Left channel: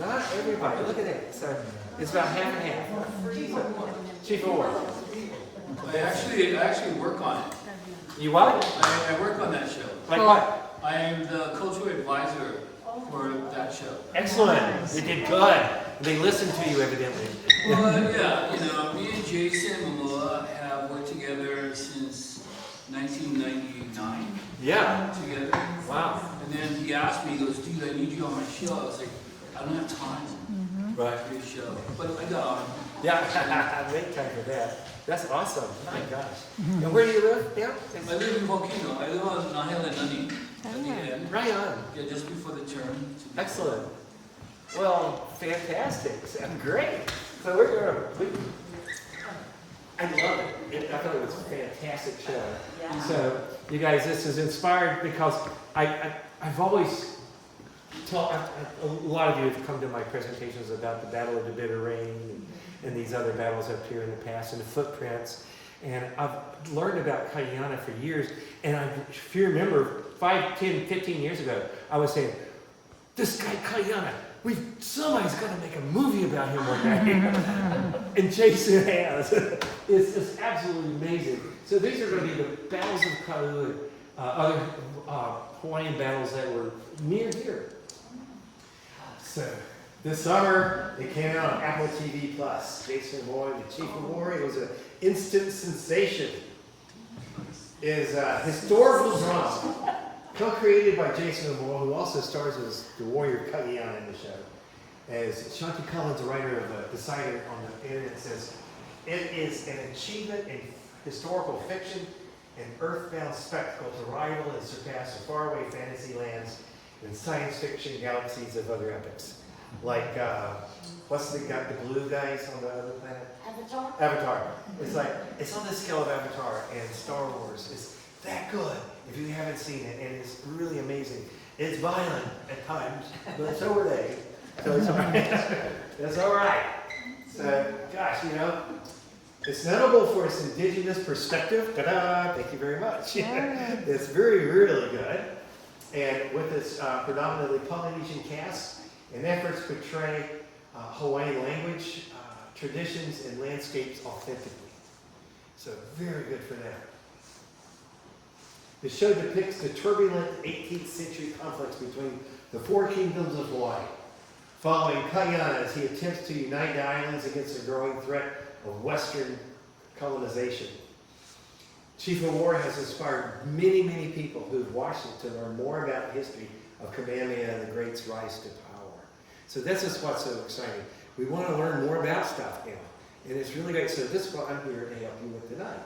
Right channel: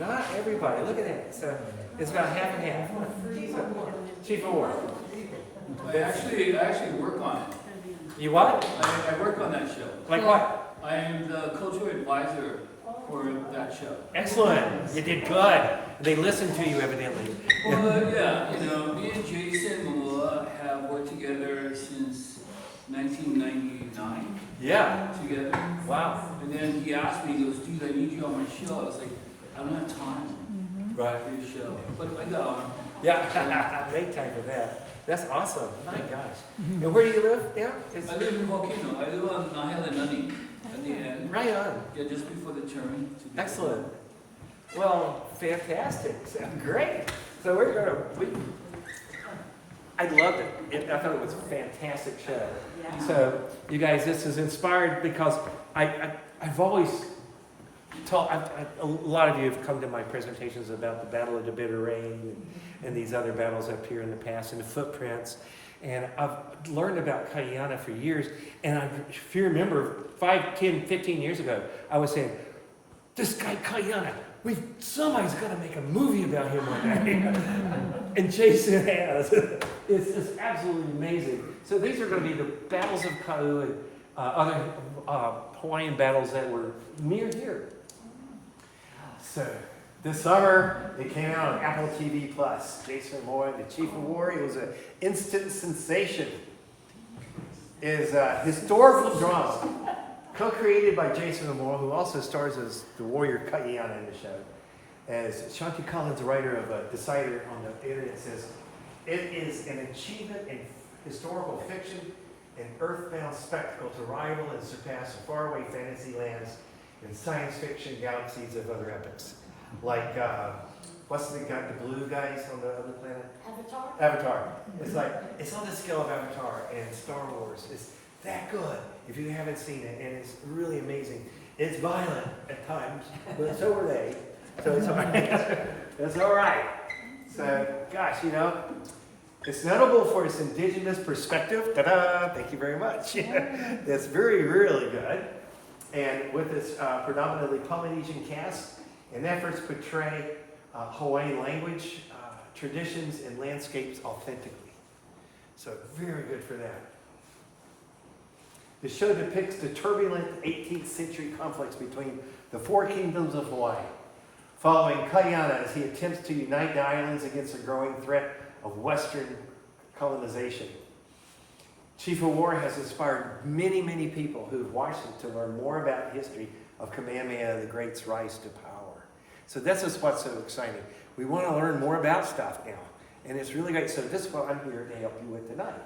Not everybody. Look at that. So it's about half and half. So, Chief of War. I actually work on it. You what? I work on that show. Like what? I am the cultural advisor for that show. Excellent. You did good. They listened to you evidently. Well, yeah, me and Jason Momoa have worked together since 1999. Yeah. Together. Wow. And then he asked me, he goes, dude, I need you on my show. I was like, I don't have time Right. for your show. But I got on. Yeah. Make time for that. That's awesome. My gosh. And where do you live? Yeah. I live in Volcano. I live on Nahel and Nani at the end. Right on. Yeah, just before the turn. Excellent. Well, fantastic. Sounds great. So I loved it. I thought it was a fantastic show. Yeah. So you guys, this is inspired because I've always told, a lot of you have come to my presentations about the Battle of the Bitter Rain and these other battles up here in the past and the footprints. And I've learned about Kayana for years. And if you remember, 5, 10, 15 years ago, I was saying, this guy Kayana, somebody's going to make a movie about him one day. And Jason has. It's just absolutely amazing. So these are going to be the battles of Kau and other Hawaiian battles that were near here. So this summer, it came out on Apple TV+. Jason Momoa, the Chief of War, it was an instant sensation. It is a historical drama. Co-created by Jason Momoa, who also stars as the warrior Kayana in the show. As Shanti Collins, the writer of Decider on the internet, says, it is an achievement in historical fiction, an earthbound spectacle to rival and surpass the faraway fantasy lands and science fiction galaxies of other epics. Like, what's the blue guys on the other planet? Avatar. It's like, it's on the scale of Avatar and Star Wars. It's that good if you haven't seen it, and it's really amazing. It's violent at times, but it's over there, so it's all right. It's all right. So, gosh, it's notable for its indigenous perspective. Ta-da! Thank you very much. It's really good. And with its predominantly Polynesian cast and efforts to portray Hawaiian language, traditions, and landscapes authentically. So very good for that. The show depicts the turbulent 18th century conflicts between the four kingdoms of Hawaii, following Kayana as he attempts to unite the islands against the growing threat of Western colonization. Chief of War has inspired many people who've watched it to learn more about the history of Kamehameha the Great's rise to power. So this is what's so exciting. We want to learn more about stuff now. And it's really great. So this is what I'm here to help you with tonight.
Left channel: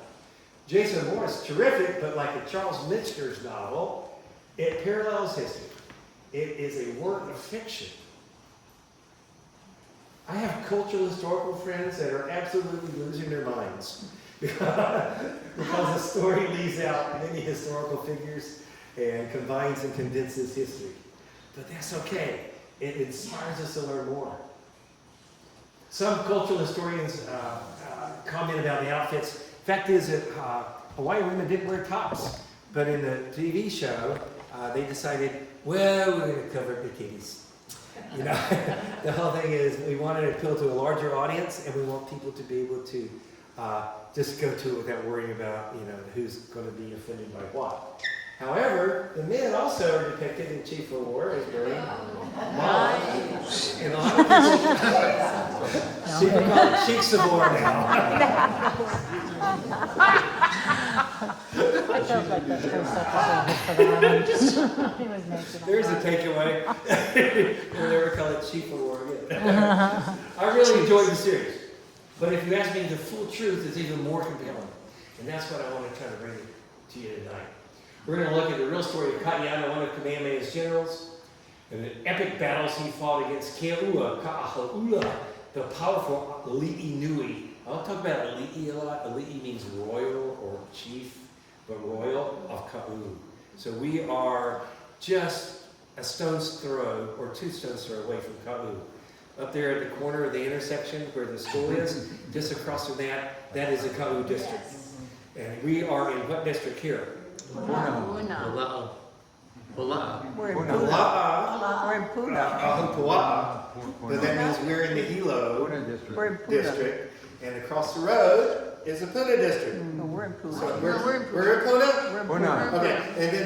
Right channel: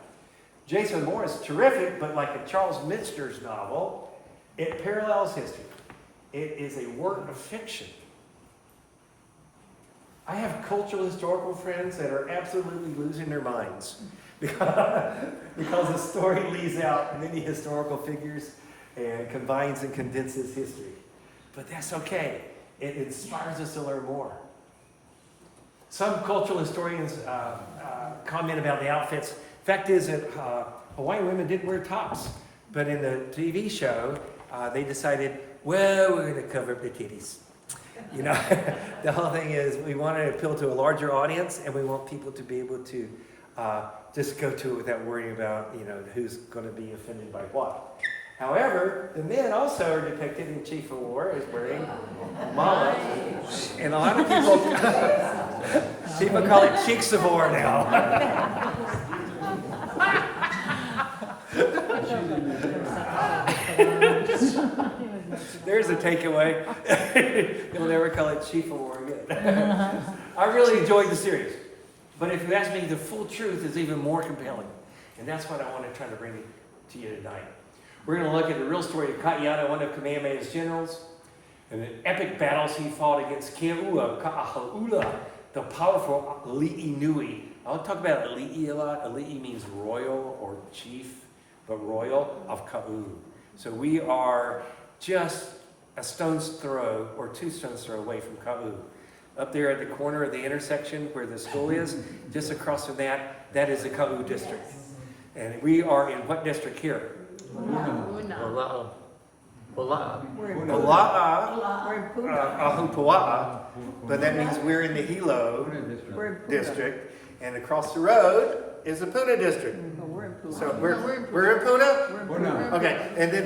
Jason Moore is terrific, but like a Charles Minster's novel, it parallels history. It is a work of fiction. I have cultural historical friends that are absolutely losing their minds because the story leaves out many historical figures and combines and condenses history. But that's okay. It inspires us to learn more. Some cultural historians comment about the outfits. Fact is that Hawaiian women didn't wear tops, but in the TV show, they decided, well, we're going to cover up the titties. The whole thing is we want to appeal to a larger audience, and we want people to be able to just go to it without worrying about, who's going to be offended by what. However, the men also are depicted in Chief of War as wearing mala, and a lot of people call it Cheeks of War now. There's a takeaway. You'll never call it Chief of War again. I really enjoyed the series. But if you ask me, the full truth is even more compelling. And that's what I want to try to bring to you tonight. We're going to look at the real story of Kayana, one of Kamehameha's generals, and the epic battles he fought against Keaua Ka'aha'ula, the powerful Ali'i Nui. I'll talk about Ali'i a lot. Ali'i means royal or chief, but royal of Ka'u. So we are just a stone's throw or 2 stones throw away from Ka'u. Up there at the corner of the intersection where the school is, just across from that is the Ka'u district. And we are in what district here? Una. Ola'a. We're in Ola'a. We're in Puna. Ahupua'a. but that means we're in the Hilo district, and across the road is the Puna district. We're in Puna. So We're in we're in Puna? Puna. Okay, and then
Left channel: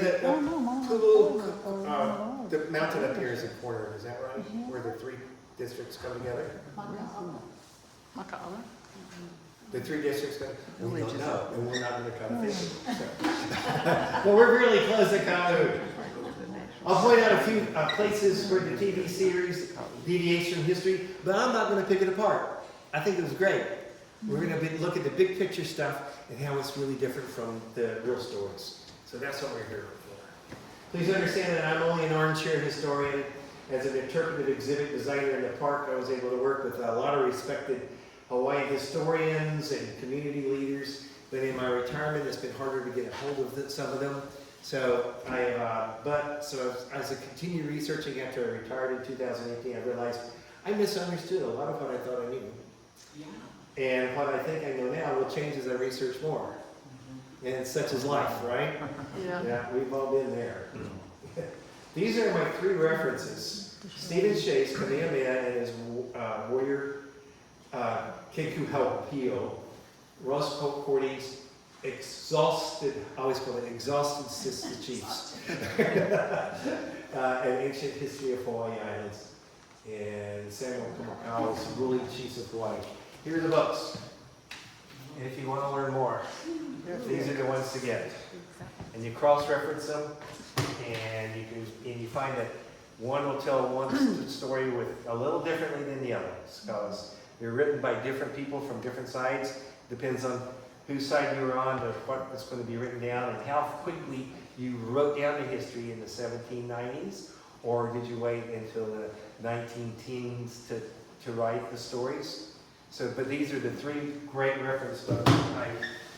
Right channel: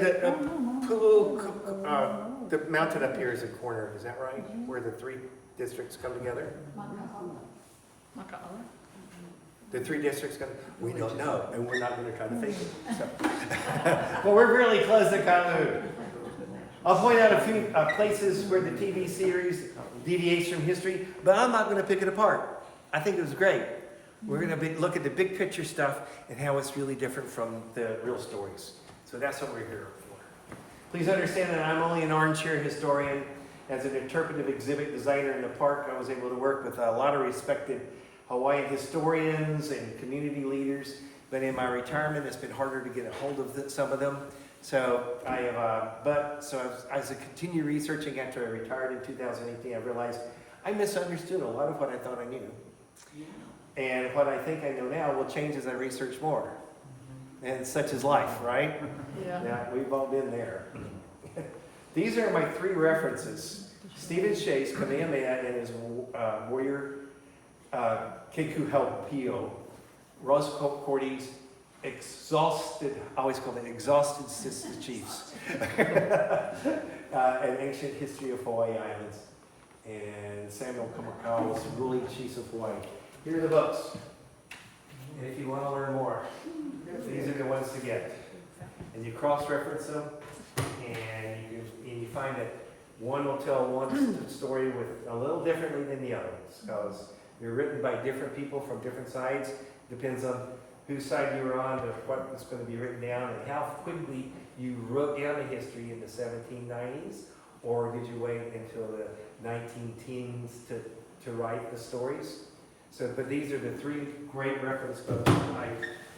the mountain up here is a corner, is that right? Where the three districts come together? Maka'ala. The three districts come, we don't know, and we're not gonna try to fix it. So. But we're really close to Kamloops. I'll point out a few places where the TV series deviates from history, but I'm not gonna pick it apart. I think it was great. We're gonna look at the big picture stuff and how it's really different from the real stories. So that's what we're here for. Please understand that I'm only an Orange Chair historian. As an interpretive exhibit designer in the park, I was able to work with a lot of respected Hawaiian historians and community leaders. But in my retirement, it's been harder to get a hold of some of them. So I have, as I continue researching after I retired in 2018, I realized I misunderstood a lot of what I thought I knew. And what I think I know now will change as I research more. And such is life, right? Yeah, we've all been there. These are my three references. Stephen Chase, Kamehameha, and his warrior, Keku Haupio. Ross Cordy's exhausted, I always call it exhausted sister chiefs. An ancient history of Hawaii Islands. And Samuel Kamakawa's ruling chiefs of Hawaii. Here are the books. And if you want to learn more, these are the ones to get. And you cross-reference them, and you find that one will tell one story with a little differently than the others, because they're written by different people from different sides. Depends on whose side you were on, but what is going to be written down, and how quickly you wrote down the history in the 1790s, or did you wait until the 19-teens to write the stories? So, but these are the three great reference books I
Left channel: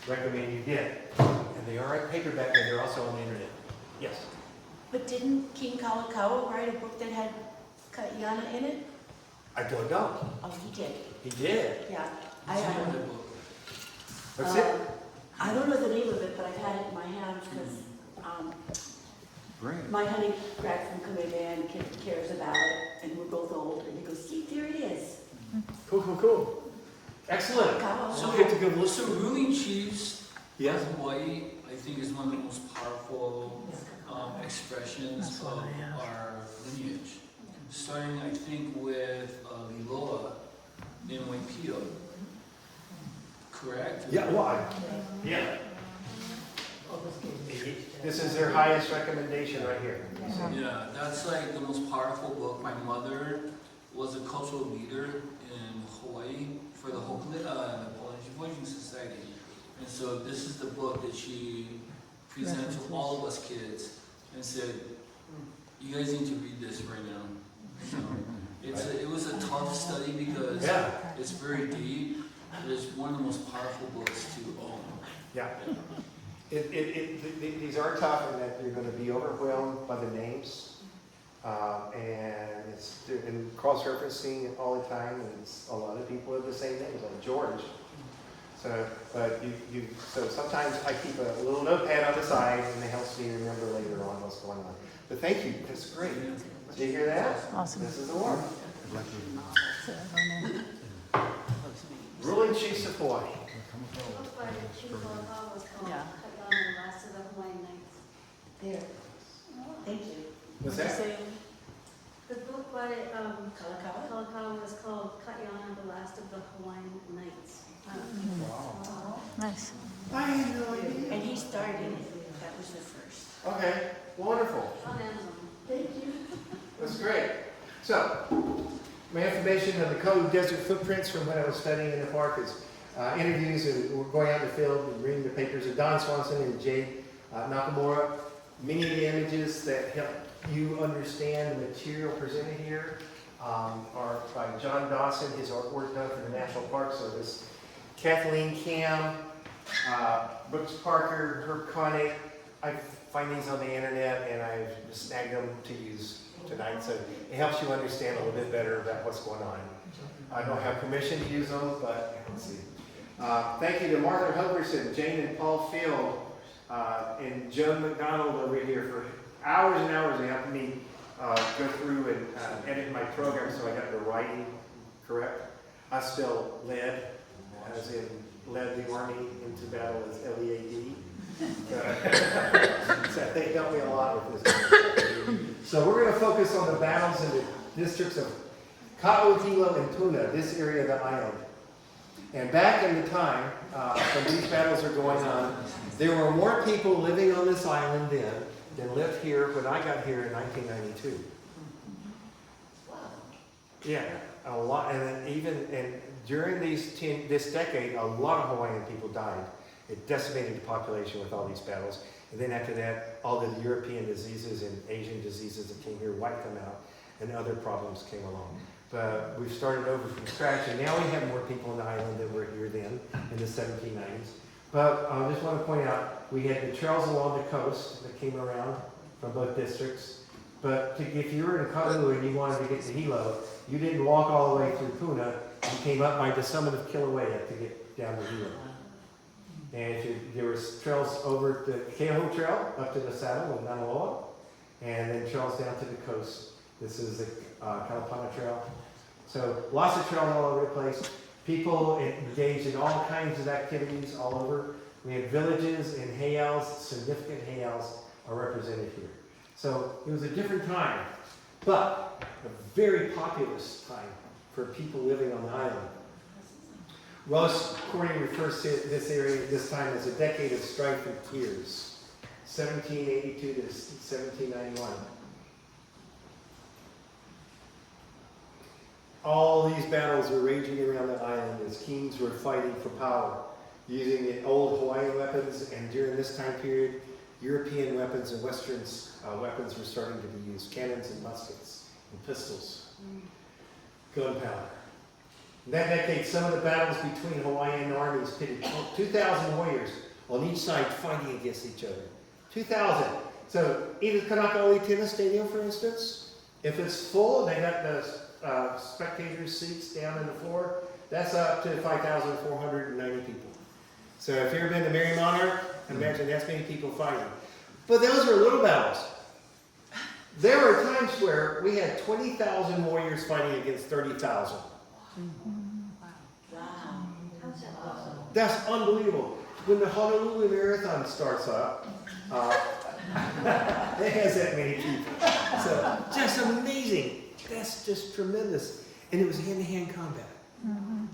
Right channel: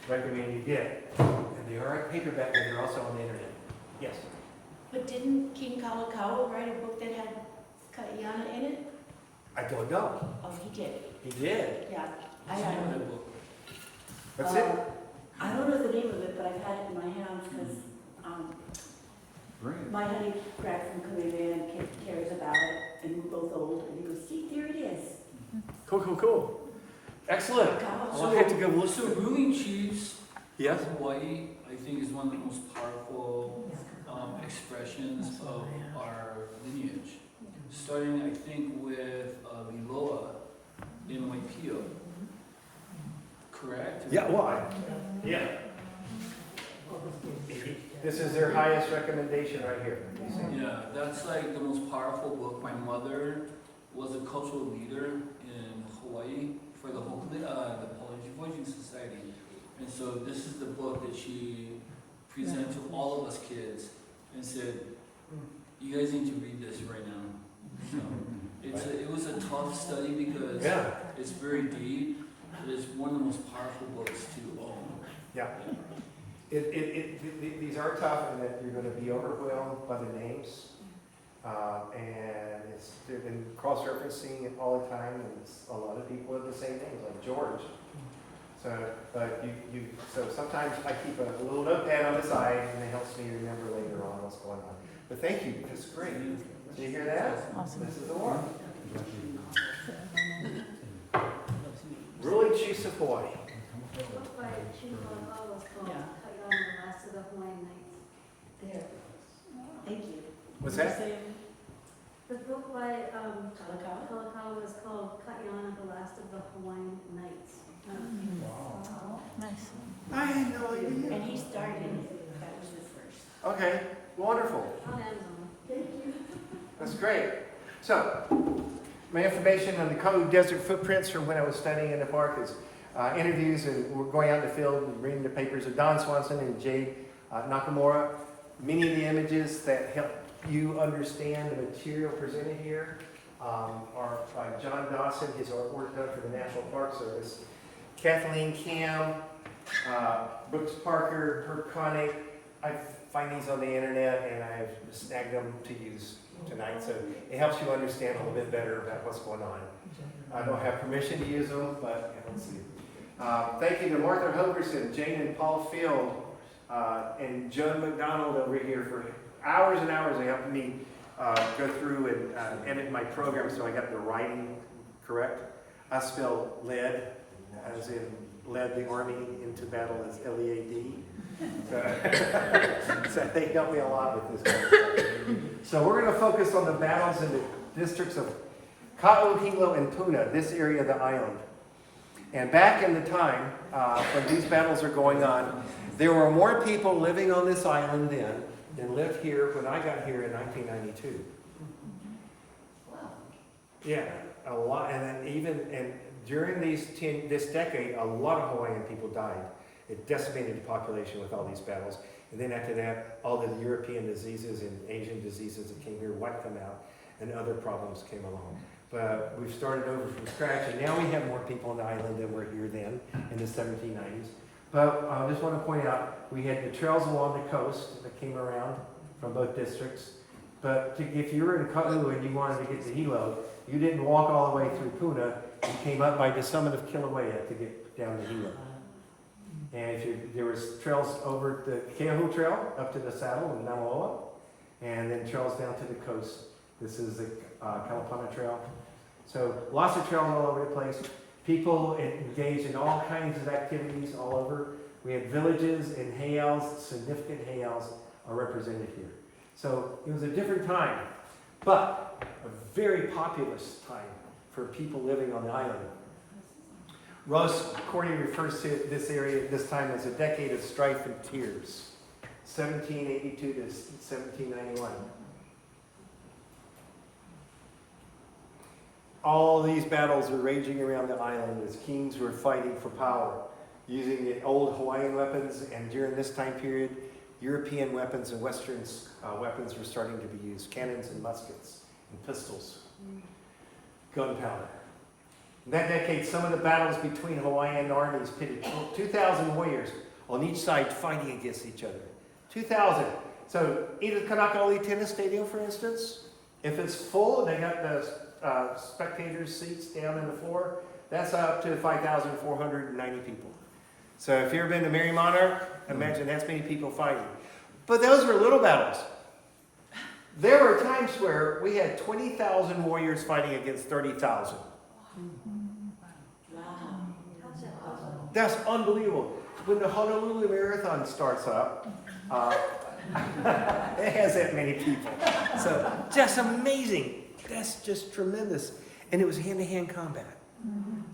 recommend you get. And they are in paperback, and they're also on the internet. Yes? But didn't King Kalakaua write a book that had Kaiana in it? I don't know. Oh, he did. He did. Yeah. What's the name of that book? What's it? I don't know the name of it, but I've had it in my hands because my honey Greg from Kamehameha and cares about it, and we're both old, and he goes, see, there it is. Cool. Excellent. Kalakaua. Well, I had to go look. So ruling chiefs Yes? of Hawaii, I think, is one of the most powerful expressions of our lineage. Starting, I think, with Liloa in Waipio. Correct? Yeah, well, yeah. This is their highest recommendation right here. Yeah, that's like the most powerful book. My mother was a cultural leader in Hawaii for the Polynesian Voyaging Society. And so this is the book that she presented to all of us kids and said, you guys need to read this right now. So it was a tough study because it's very deep. It's one of the most powerful books to own. Yeah. These are tough in that you're going to be overwhelmed by the names. And it's and cross-referencing all the time, and it's a lot of people with the same names, like George. So, but so sometimes I keep a little notepad on the side, and it helps me remember later on what's going on. But thank you, that's great. Did you hear that? Awesome. This is the one. Ruling Chiefs of Hawaii. Yeah. There. Thank you. What's that? The book by Kalakaua? Kalakaua was called Kaiana, the Last of the Hawaiian Knights. Nice. I had no idea. And he starred in it. That was the first. Okay, wonderful. On Amazon. Thank you. That's great. So, my information on the Kalu Desert footprints from when I was studying in the park is interviews, and we're going out in the field and reading the papers of Don Swanson and Jade Nakamura. Many of the images that help you understand the material presented here are by John Dawson, his artwork done for the National Park Service. Kathleen Cam, Brooks Parker, Herb Connick. I find these on the internet, and I've snagged them to use tonight, so it helps you understand a little bit better about what's going on. I don't have permission to use them, but let's see. Thank you to Martha Hoverson, Jane and Paul Field, and Joan McDonald over here for hours and hours of helping me go through and edit my program so I got the writing correct. I spell lead, as in led the army into battle as L-E-A-D. So they helped me a lot with this. So we're going to focus on the battles in the districts of Ka'u, Hilo, and Puna, this area of the island. And back in the time when these battles are going on, there were more people living on this island then than lived here when I got here in 1992. Yeah, a lot, and then even during this decade, a lot of Hawaiian people died. It decimated the population with all these battles. And then after that, all the European diseases and Asian diseases that came here wiped them out, and other problems came along. But we've started over from scratch, and now we have more people on the island than were here then in the 1790s. But I just want to point out, we had the trails along the coast that came around from both districts. But if you were in Ka'u and you wanted to get to Hilo, you didn't walk all the way through Puna. You came up by the summit of Kilauea to get down to Hilo. And there was trails over the Keahu Trail up to the saddle in Namaloa, and then trails down to the coast. This is the Kalapana Trail. So lots of trails all over the place. People engaged in all kinds of activities all over. We have villages and heiaus, significant heiaus are represented here. So it was a different time, but a very populous time for people living on the island. Ross Cordy refers to this area at this time as a decade of strife and tears, 1782 to 1791. All these battles were raging around the island as kings were fighting for power, using the old Hawaiian weapons, and during this time period, European weapons and Western weapons were starting to be used, cannons and muskets and pistols, gunpowder. In that decade, some of the battles between Hawaiian armies pitted 2,000 warriors on each side fighting against each other. 2,000. So either Kanakaʻaui Tennis Stadium, for instance, if it's full and they got the spectators' seats down in the floor, that's up to 5,490 people. So if you've ever been to Mary Monarch, imagine that's many people fighting. But those are little battles. There were times where we had 20,000 warriors fighting against 30,000. That's unbelievable. When the Honolulu Marathon starts up, it has that many people. So just amazing. That's just tremendous. And it was hand-to-hand combat.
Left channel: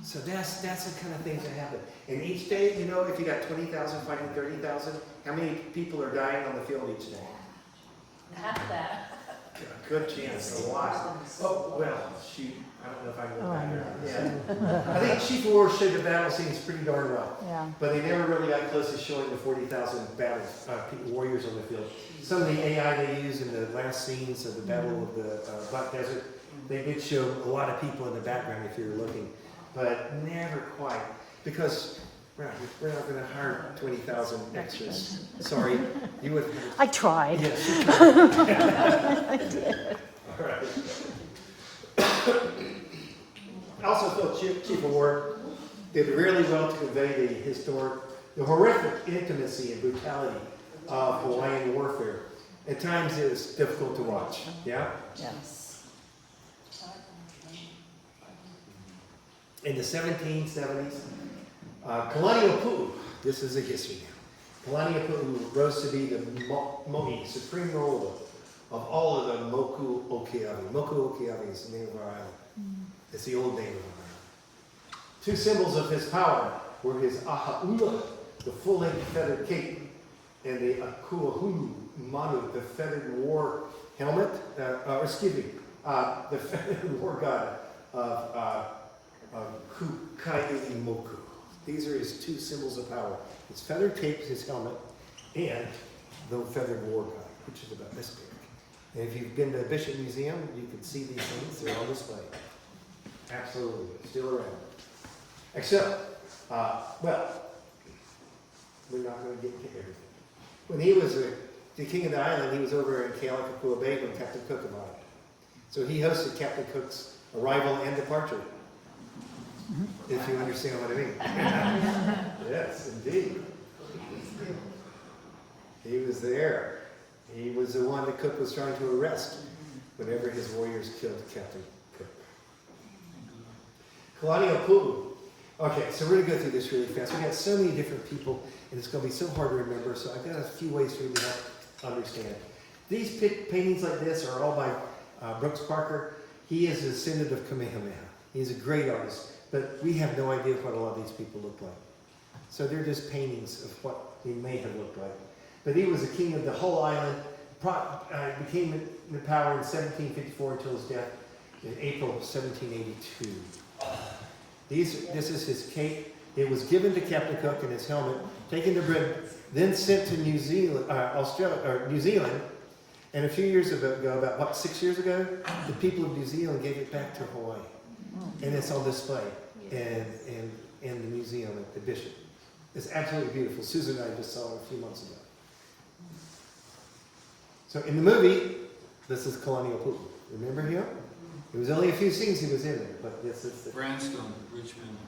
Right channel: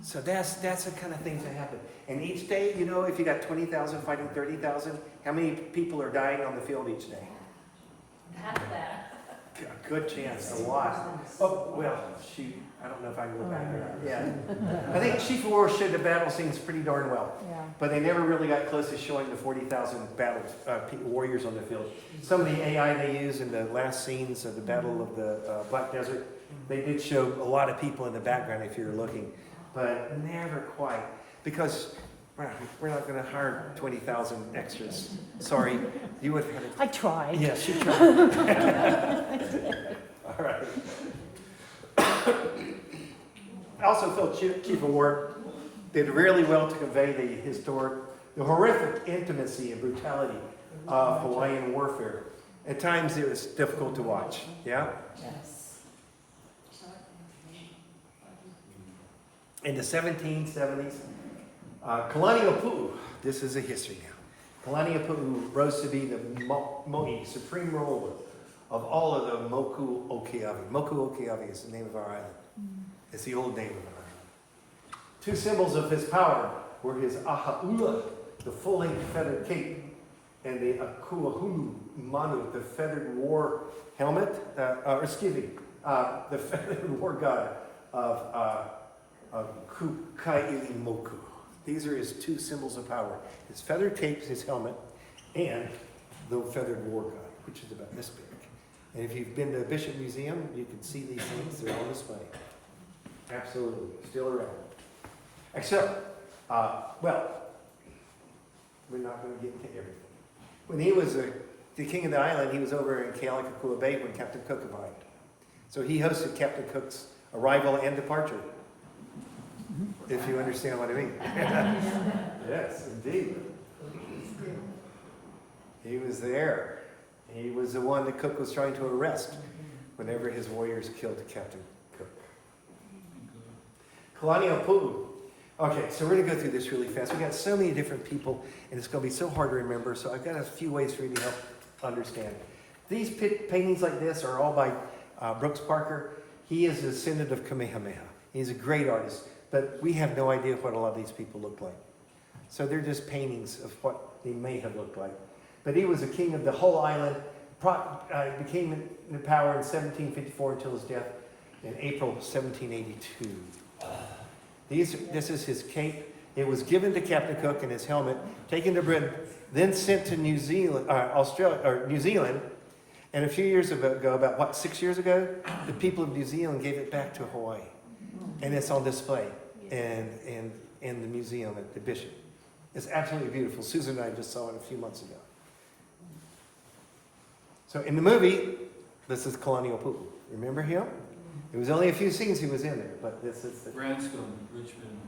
So that's the kind of things that happen. And each day, you know, if you got 20,000 fighting 30,000, how many people are dying on the field each day? Half that. A good chance, a lot. Oh, well, shoot. I don't know if I can go back there. Yeah. I think Chief of War showed the battle scenes pretty darn well. Yeah. But they never really got close to showing the 40,000 warriors on the field. Some of the AI they used in the last scenes of the Battle of the Black Desert, they did show a lot of people in the background if you're looking. But never quite. Because we're not going to hire 20,000 extras. Sorry. You would have. I tried. Yes, you tried. I did. All right. I also felt Chief of War did really well to convey the horrific intimacy and brutality of Hawaiian warfare. At times it was difficult to watch. Yeah? Yes. In the 1770s, Kalaniʻapuʻu, this is a history now. Kalaniʻapuʻu rose to be the mo'i, supreme ruler of all of the Moku Okeawe. Moku Okeawe is the name of our island. It's the old name of our island. Two symbols of his power were his ahaula, the full-length feathered cape, and the akuahulu manu, the feathered war helmet, the feathered war god of Kukailimoku. These are his two symbols of power. His feathered cape, his helmet, and the feathered war god, which is about this big. And if you've been to the Bishop Museum, you can see these things. They're on display. Absolutely. Still around. Except, well, we're not going to get into everything. When he was the king of the island, he was over in Kealakekua Bay when Captain Cook arrived. So he hosted Captain Cook's arrival and departure. If you understand what I mean. Yes, indeed. He was there. He was the one that Cook was trying to arrest. whenever his warriors killed Captain Cook. Kalaniʻōpuʻu. Okay, so we're going to go through this really fast. We got so many different people, and it's going to be so hard to remember, so I've got a few ways for you to help understand. These paintings like this are all by Brooks Parker. He is a descendant of Kamehameha. He's a great artist, but we have no idea what a lot of these people look like. So they're just paintings of what they may have looked like. But he was a king of the whole island, became in power in 1754 until his death in April 1782. This is his cape. It was given to Captain Cook and his helmet, taken to Britain, then sent to New Zealand, New Zealand. And a few years ago, about 6 years ago, the people of New Zealand gave it back to Hawaii. And it's on display in the museum at the Bishop. It's absolutely beautiful. Susan and I just saw it a few months ago. So in the movie, this is Kalaniʻōpuʻu. Remember him? It was only a few scenes he was in there, but this is the... Branscombe, Richmond.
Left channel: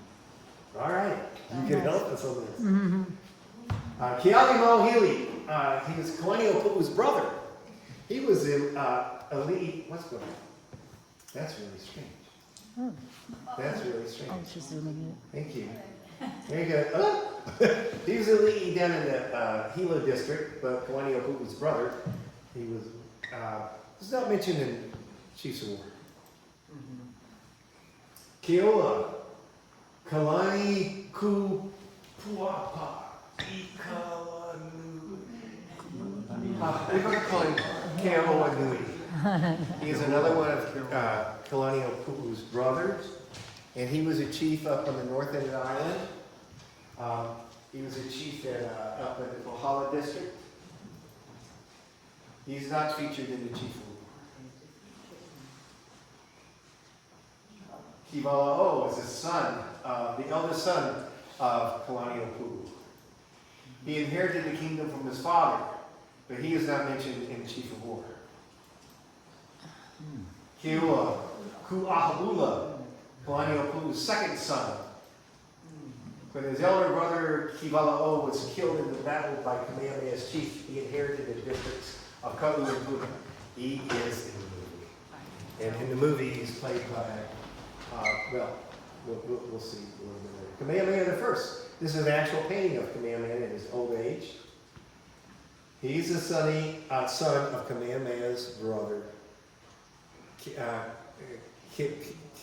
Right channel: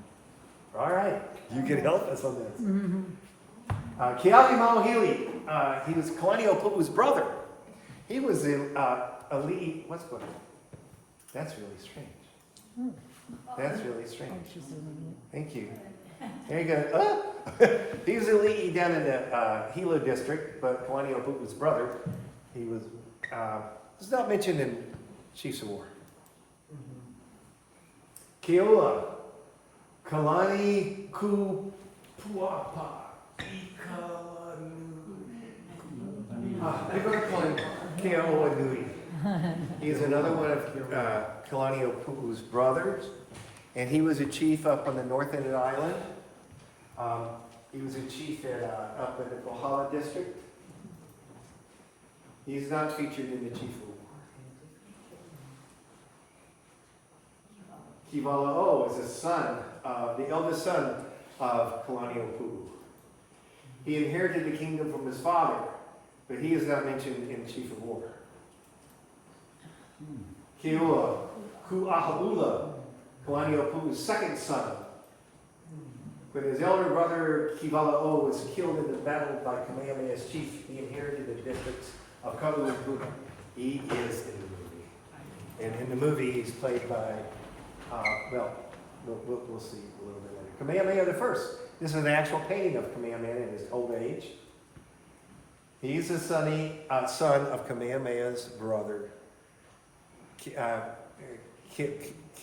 All right, you can help us on this. Kealiʻimoʻohili, he was Kalaniʻōpuʻu's brother. He was in Ali'i, what's going on? That's really strange. That's really strange. Thank you. There you go. Oh. He was Ali'i down in the Hilo district, but Kalaniʻōpuʻu's brother, he was not mentioned in Chiefs of War. Keoa, Kalani Kupuapa, we're going to call him Keoa Nui. He's another one of Kalaniʻōpuʻu's brothers, and he was a chief up on the north end of the island. He was a chief up in the Kohala district. He's not featured in the Chief of War. Kivala'o is a son, the eldest son of Kalaniʻōpuʻu. He inherited the kingdom from his father, but he is not mentioned in Chief of War. Keoa, Ku'ahaula, Kalaniʻōpuʻu's second son. When his elder brother Kivala'o was killed in the battle by Kamehameha's chief, he inherited the districts of Ka'u and Puna. He is in the movie. And in the movie, he's played by, we'll see a little bit later. Kamehameha the First. This is an actual painting of Kamehameha in his old age. He's the son of Kamehameha's brother,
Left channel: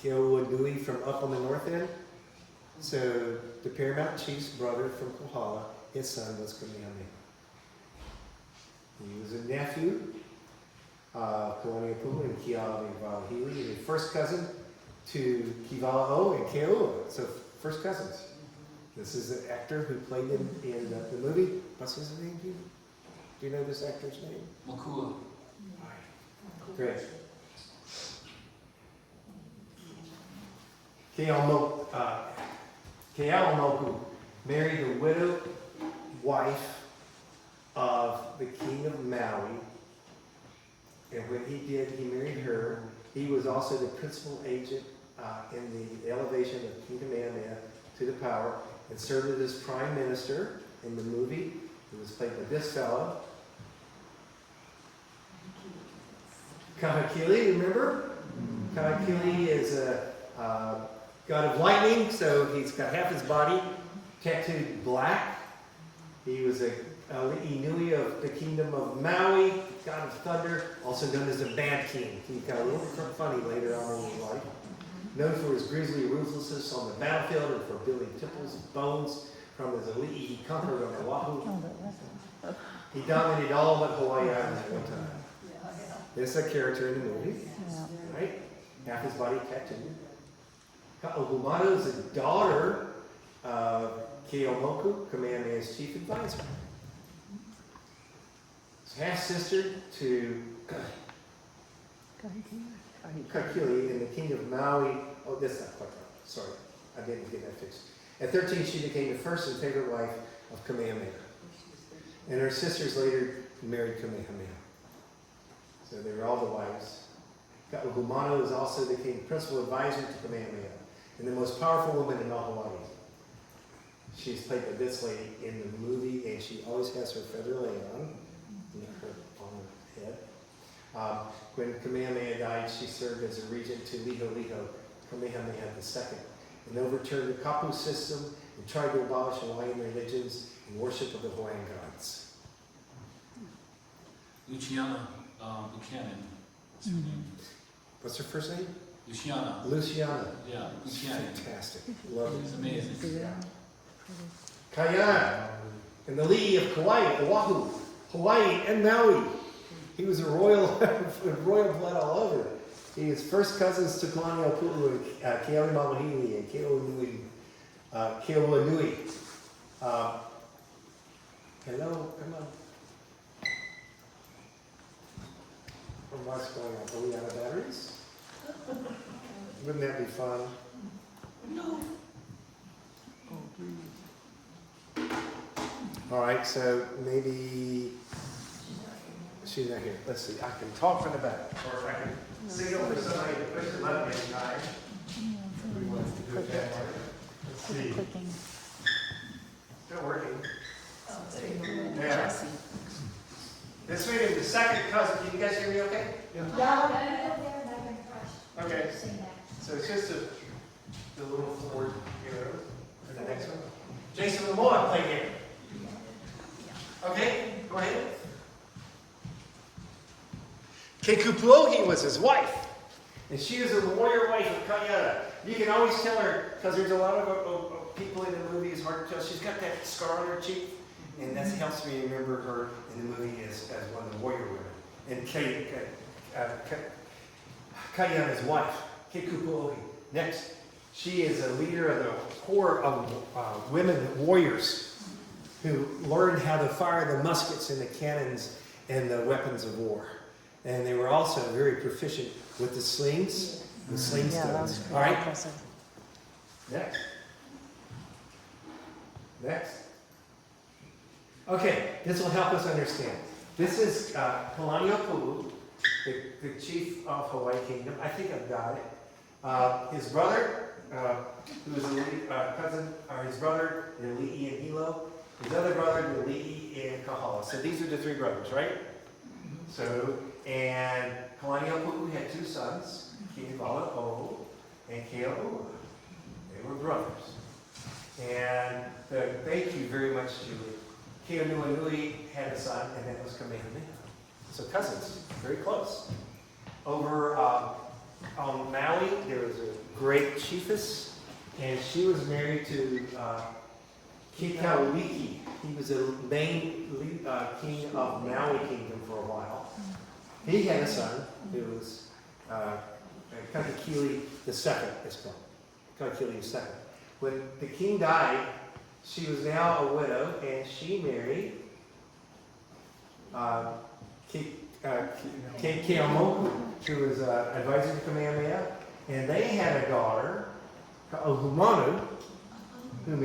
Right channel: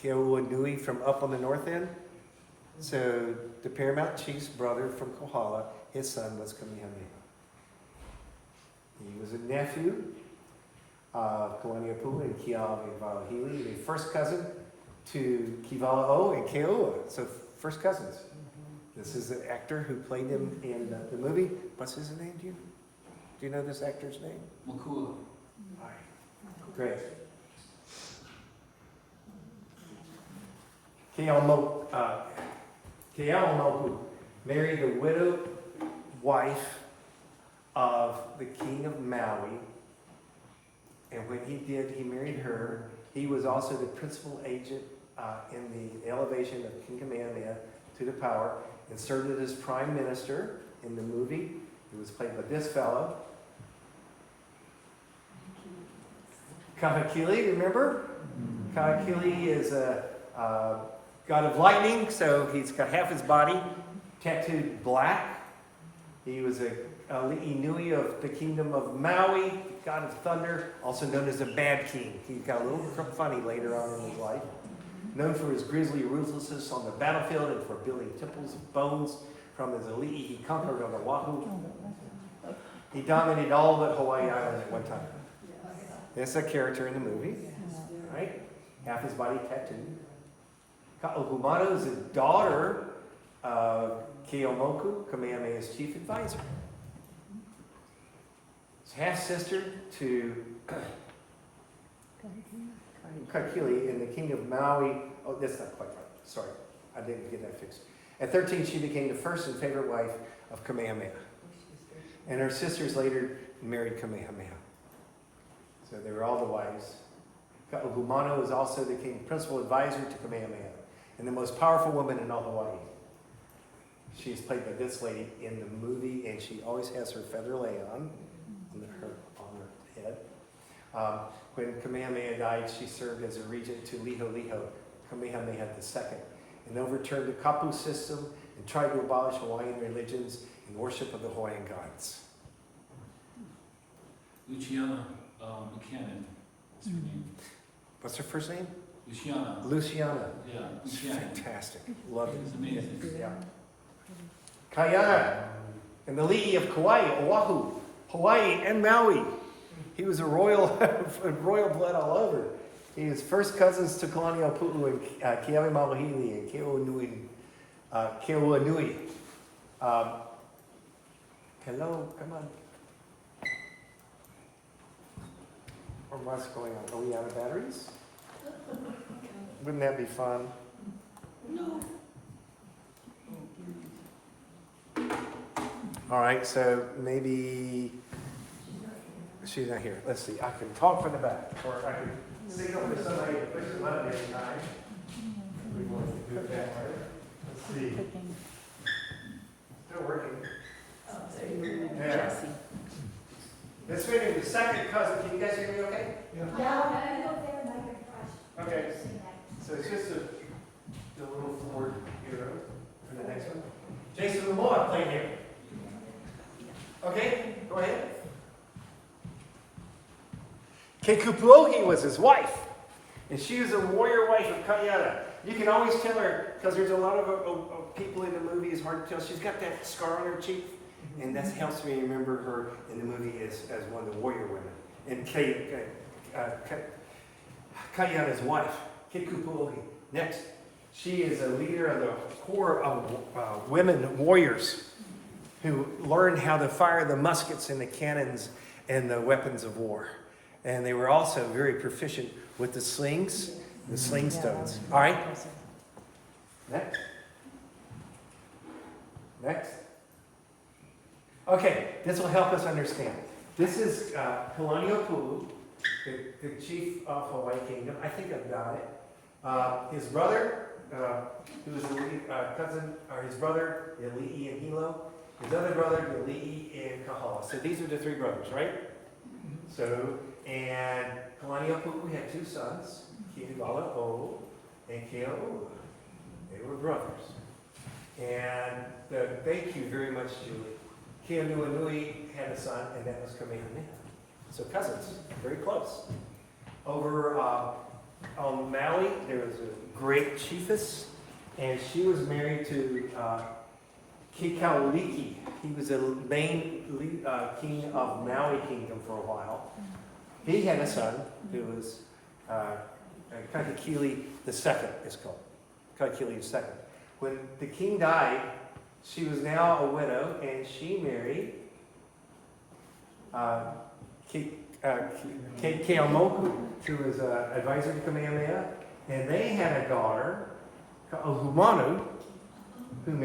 Keoanui from up on the north end. So the Paramount Chief's brother from Kohala, his son was Kamehameha. He was a nephew of Kalaniʻōpuʻu and Kealiʻimoʻohili, the first cousin to Kivala'o and Keoa. So first cousins. This is the actor who played him in the movie. What's his name? Do you know this actor's name? Makua. Great. Keaumoku married the widowed wife of the king of Maui. And when he did, he married her. He was also the principal agent in the elevation of King Kamehameha to the power and served as prime minister in the movie. He was played by this fellow. Kahekili, remember? Kahekili is a god of lightning, so he's got half his body tattooed black. He was a Li'inui of the kingdom of Maui, god of thunder, also known as the Bad King. He got a little funny later on in his life. Known for his grisly ruthlessness on the battlefield and for building temples of bones from his Ali'i he conquered on Oahu. He dominated all but Hawaii Island at one time. This is a character in the movie, right? Half his body tattooed. Ka'ahumanu is the daughter of Keaumoku, Kamehameha's chief advisor. His half-sister to Kahekili and the king of Maui. Oh, that's not quite right. Sorry, I didn't get that fixed. At 13, she became the first and favorite wife of Kamehameha. And her sisters later married Kamehameha. So they were all the wives. Ka'ahumanu is also the principal advisor to Kamehameha and the most powerful woman in all Hawaii. She is played by this lady in the movie, and she always has her feather lei on her head. When Kamehameha died, she served as a regent to Liholiho, Kamehameha II, and overturned the Kapu system and tried to abolish Hawaiian religions and worship of the Hawaiian gods. Luciana Buchanan. That's her name. What's her first name? Luciana. Luciana. Yeah, Buchanan. Fantastic. Love She's it. amazing. Yeah. Kaiana, and the Li'i of Kauai, Oahu, Hawaii, and Maui. He was a royal, royal blood all over. He was first cousins to Kalaniʻaupuu and Keawe Malohili and Keoanui. Hello, come on. Or what's going on? Are we out of batteries? Wouldn't that be fun? No. All right, so maybe she's not here. Let's see. I can talk from the back, or I can signal for somebody to push the button every time. We want to do it that way. Let's see. Still working. Yeah. Jesse. This meeting is the second cousin. Can you guys hear me okay? Okay. So it's just the little forward hero for the next one. Jason Momoa playing here. Okay, go ahead. Kekupuohi was his wife, and she was a warrior wife of Kaiana. You can always tell her, because there's a lot of people in the movie, it's hard to tell. She's got that scar on her cheek, and that helps me remember her in the movie as one of the warrior women. And Kaiana's wife, Kekupuohi. Next, she is a leader of the corps of women warriors who learned how to fire the muskets and the cannons and the weapons of war. And they were also very proficient with the slings, the sling stones. All right? Next. Next. Okay, this will help us understand. This is Kalaniʻaupuu, the chief of Hawaii Kingdom. I think I've got it. His brother, who was a cousin, or his brother, Li'i and Hilo. His other brother, Li'i and Kahala. So these are the three brothers, right? So, and Kalaniʻaupuu had two sons, Kihiwala'o and Keaʻua. They were brothers. And thank you very much, Julie. Keanuanui had a son, and that was Kamehameha. So cousins, very close. Over on Maui, there was a great chiefess, and she was married to Kekauliki. He was the main king of Maui Kingdom for a while. He had a son who was Kakekili II, it's called. Kakekili II. When the king died, she was now a widow, and she married Keaumoku, who was an advisor to Kamehameha, and they had a daughter, Kahumanu, who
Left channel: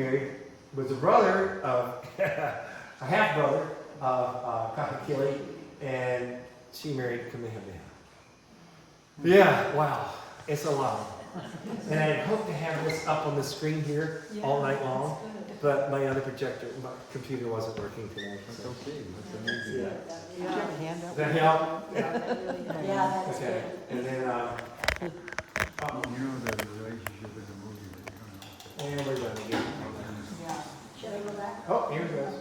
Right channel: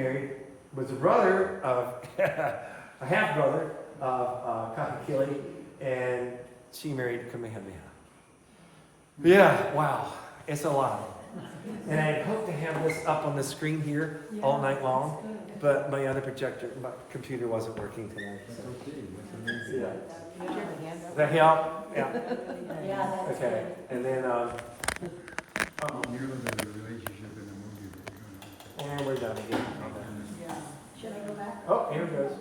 was a brother of, a half-brother of Kakekili, and she married Kamehameha. Yeah, wow, it's a lot. And I hope to have this up on the screen here all night long, but my other projector, my computer wasn't working tonight. So. Yeah. Does that help? Yeah. Yeah, that's Okay. good. And then, and we're done again. Yeah. Should I go back? Oh, here it goes.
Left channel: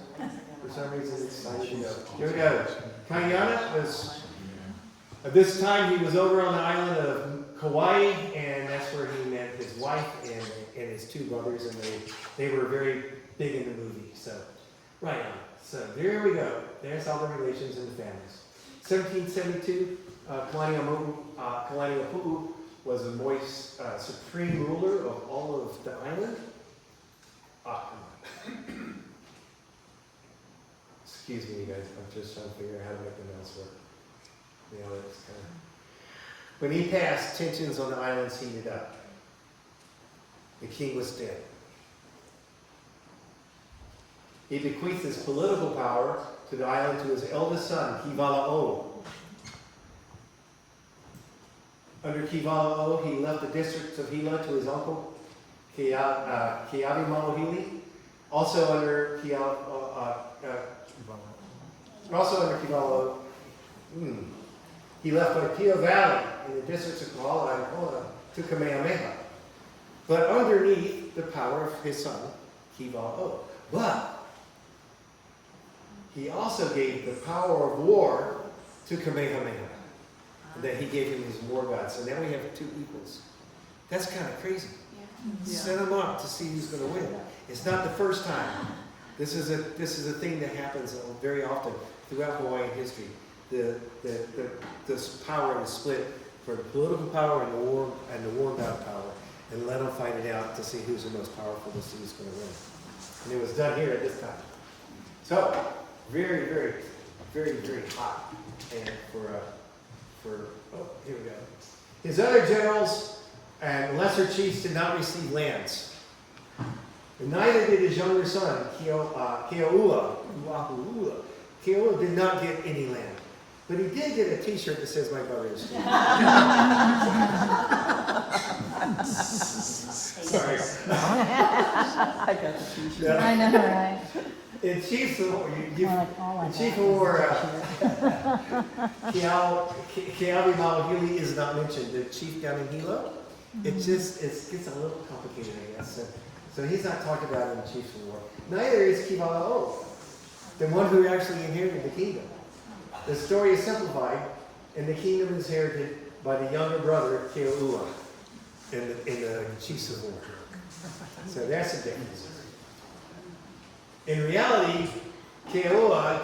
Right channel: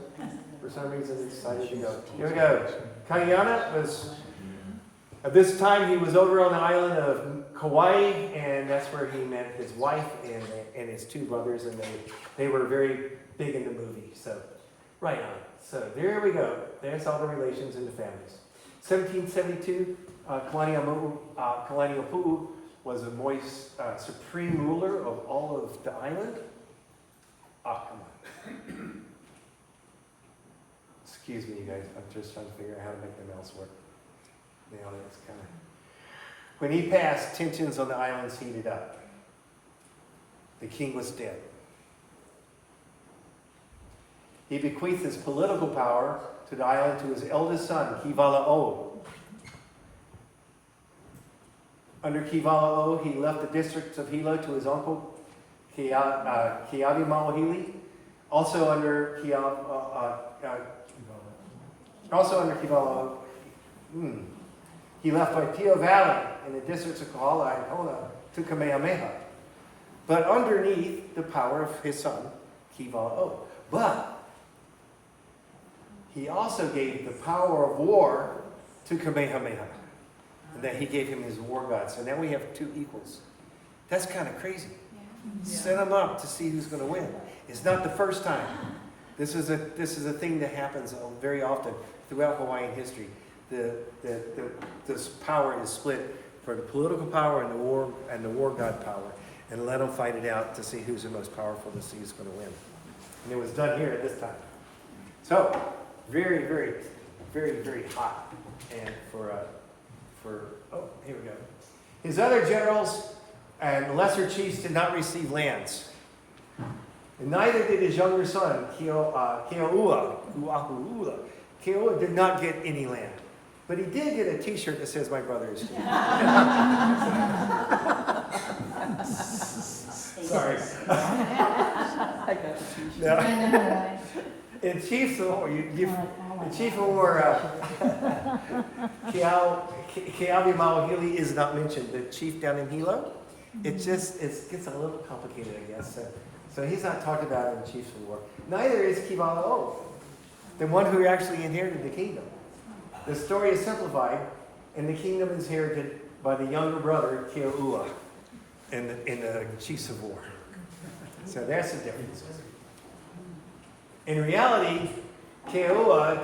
For some reason, it's excited to go. Here we go. Kaiana was, at this time, he was over on the island of Kauai, and that's where he met his wife and his two brothers, and they were very big in the movie. So, right on. So there we go. There's all the relations and the families. 1772, Kalaniʻaupuu was the Moist supreme ruler of all of the island. Excuse me, you guys. I'm just trying to figure out how to make the mouse work. You know, that's kind of. When he passed, tensions on the islands heated up. The king was dead. He bequeathed his political power to the island to his eldest son, Kivala'o. Under Kivala'o, he left the districts of Hilo to his uncle, Keawe Malohili. Also under Kivala'o, He left Waipio Valley in the districts of Kohala and Kona to Kamehameha, but underneath the power of his son, Kivala'o. But he also gave the power of war to Kamehameha. And then he gave him his war god. So now we have two equals. That's kind of crazy. Set them up to see who's going to win. It's not the first time. This is a thing that happens very often throughout Hawaiian history. This power is split for the political power and the war god power, and let them fight it out to see who's the most powerful, to see who's going to win. And it was done here at this time. So very, very, very, very hot, and here we go. His other generals and lesser chiefs did not receive lands. And neither did his younger son, Keoua. Keoua did not get any land. But he did get a t-shirt that says, "My brother is here." Sorry. No. I know, right? In Chiefs of War, in Chief of War, Keawe Mawahili is not mentioned. The chief down in Hilo, it gets a little complicated, I guess. So he's not talked about in Chiefs of War. Neither is Kivala'o, the one who actually inherited the kingdom. The story is simplified, and the kingdom is inherited by the younger brother, Keoua, in the Chiefs of War. So that's the difference. In reality, Keoua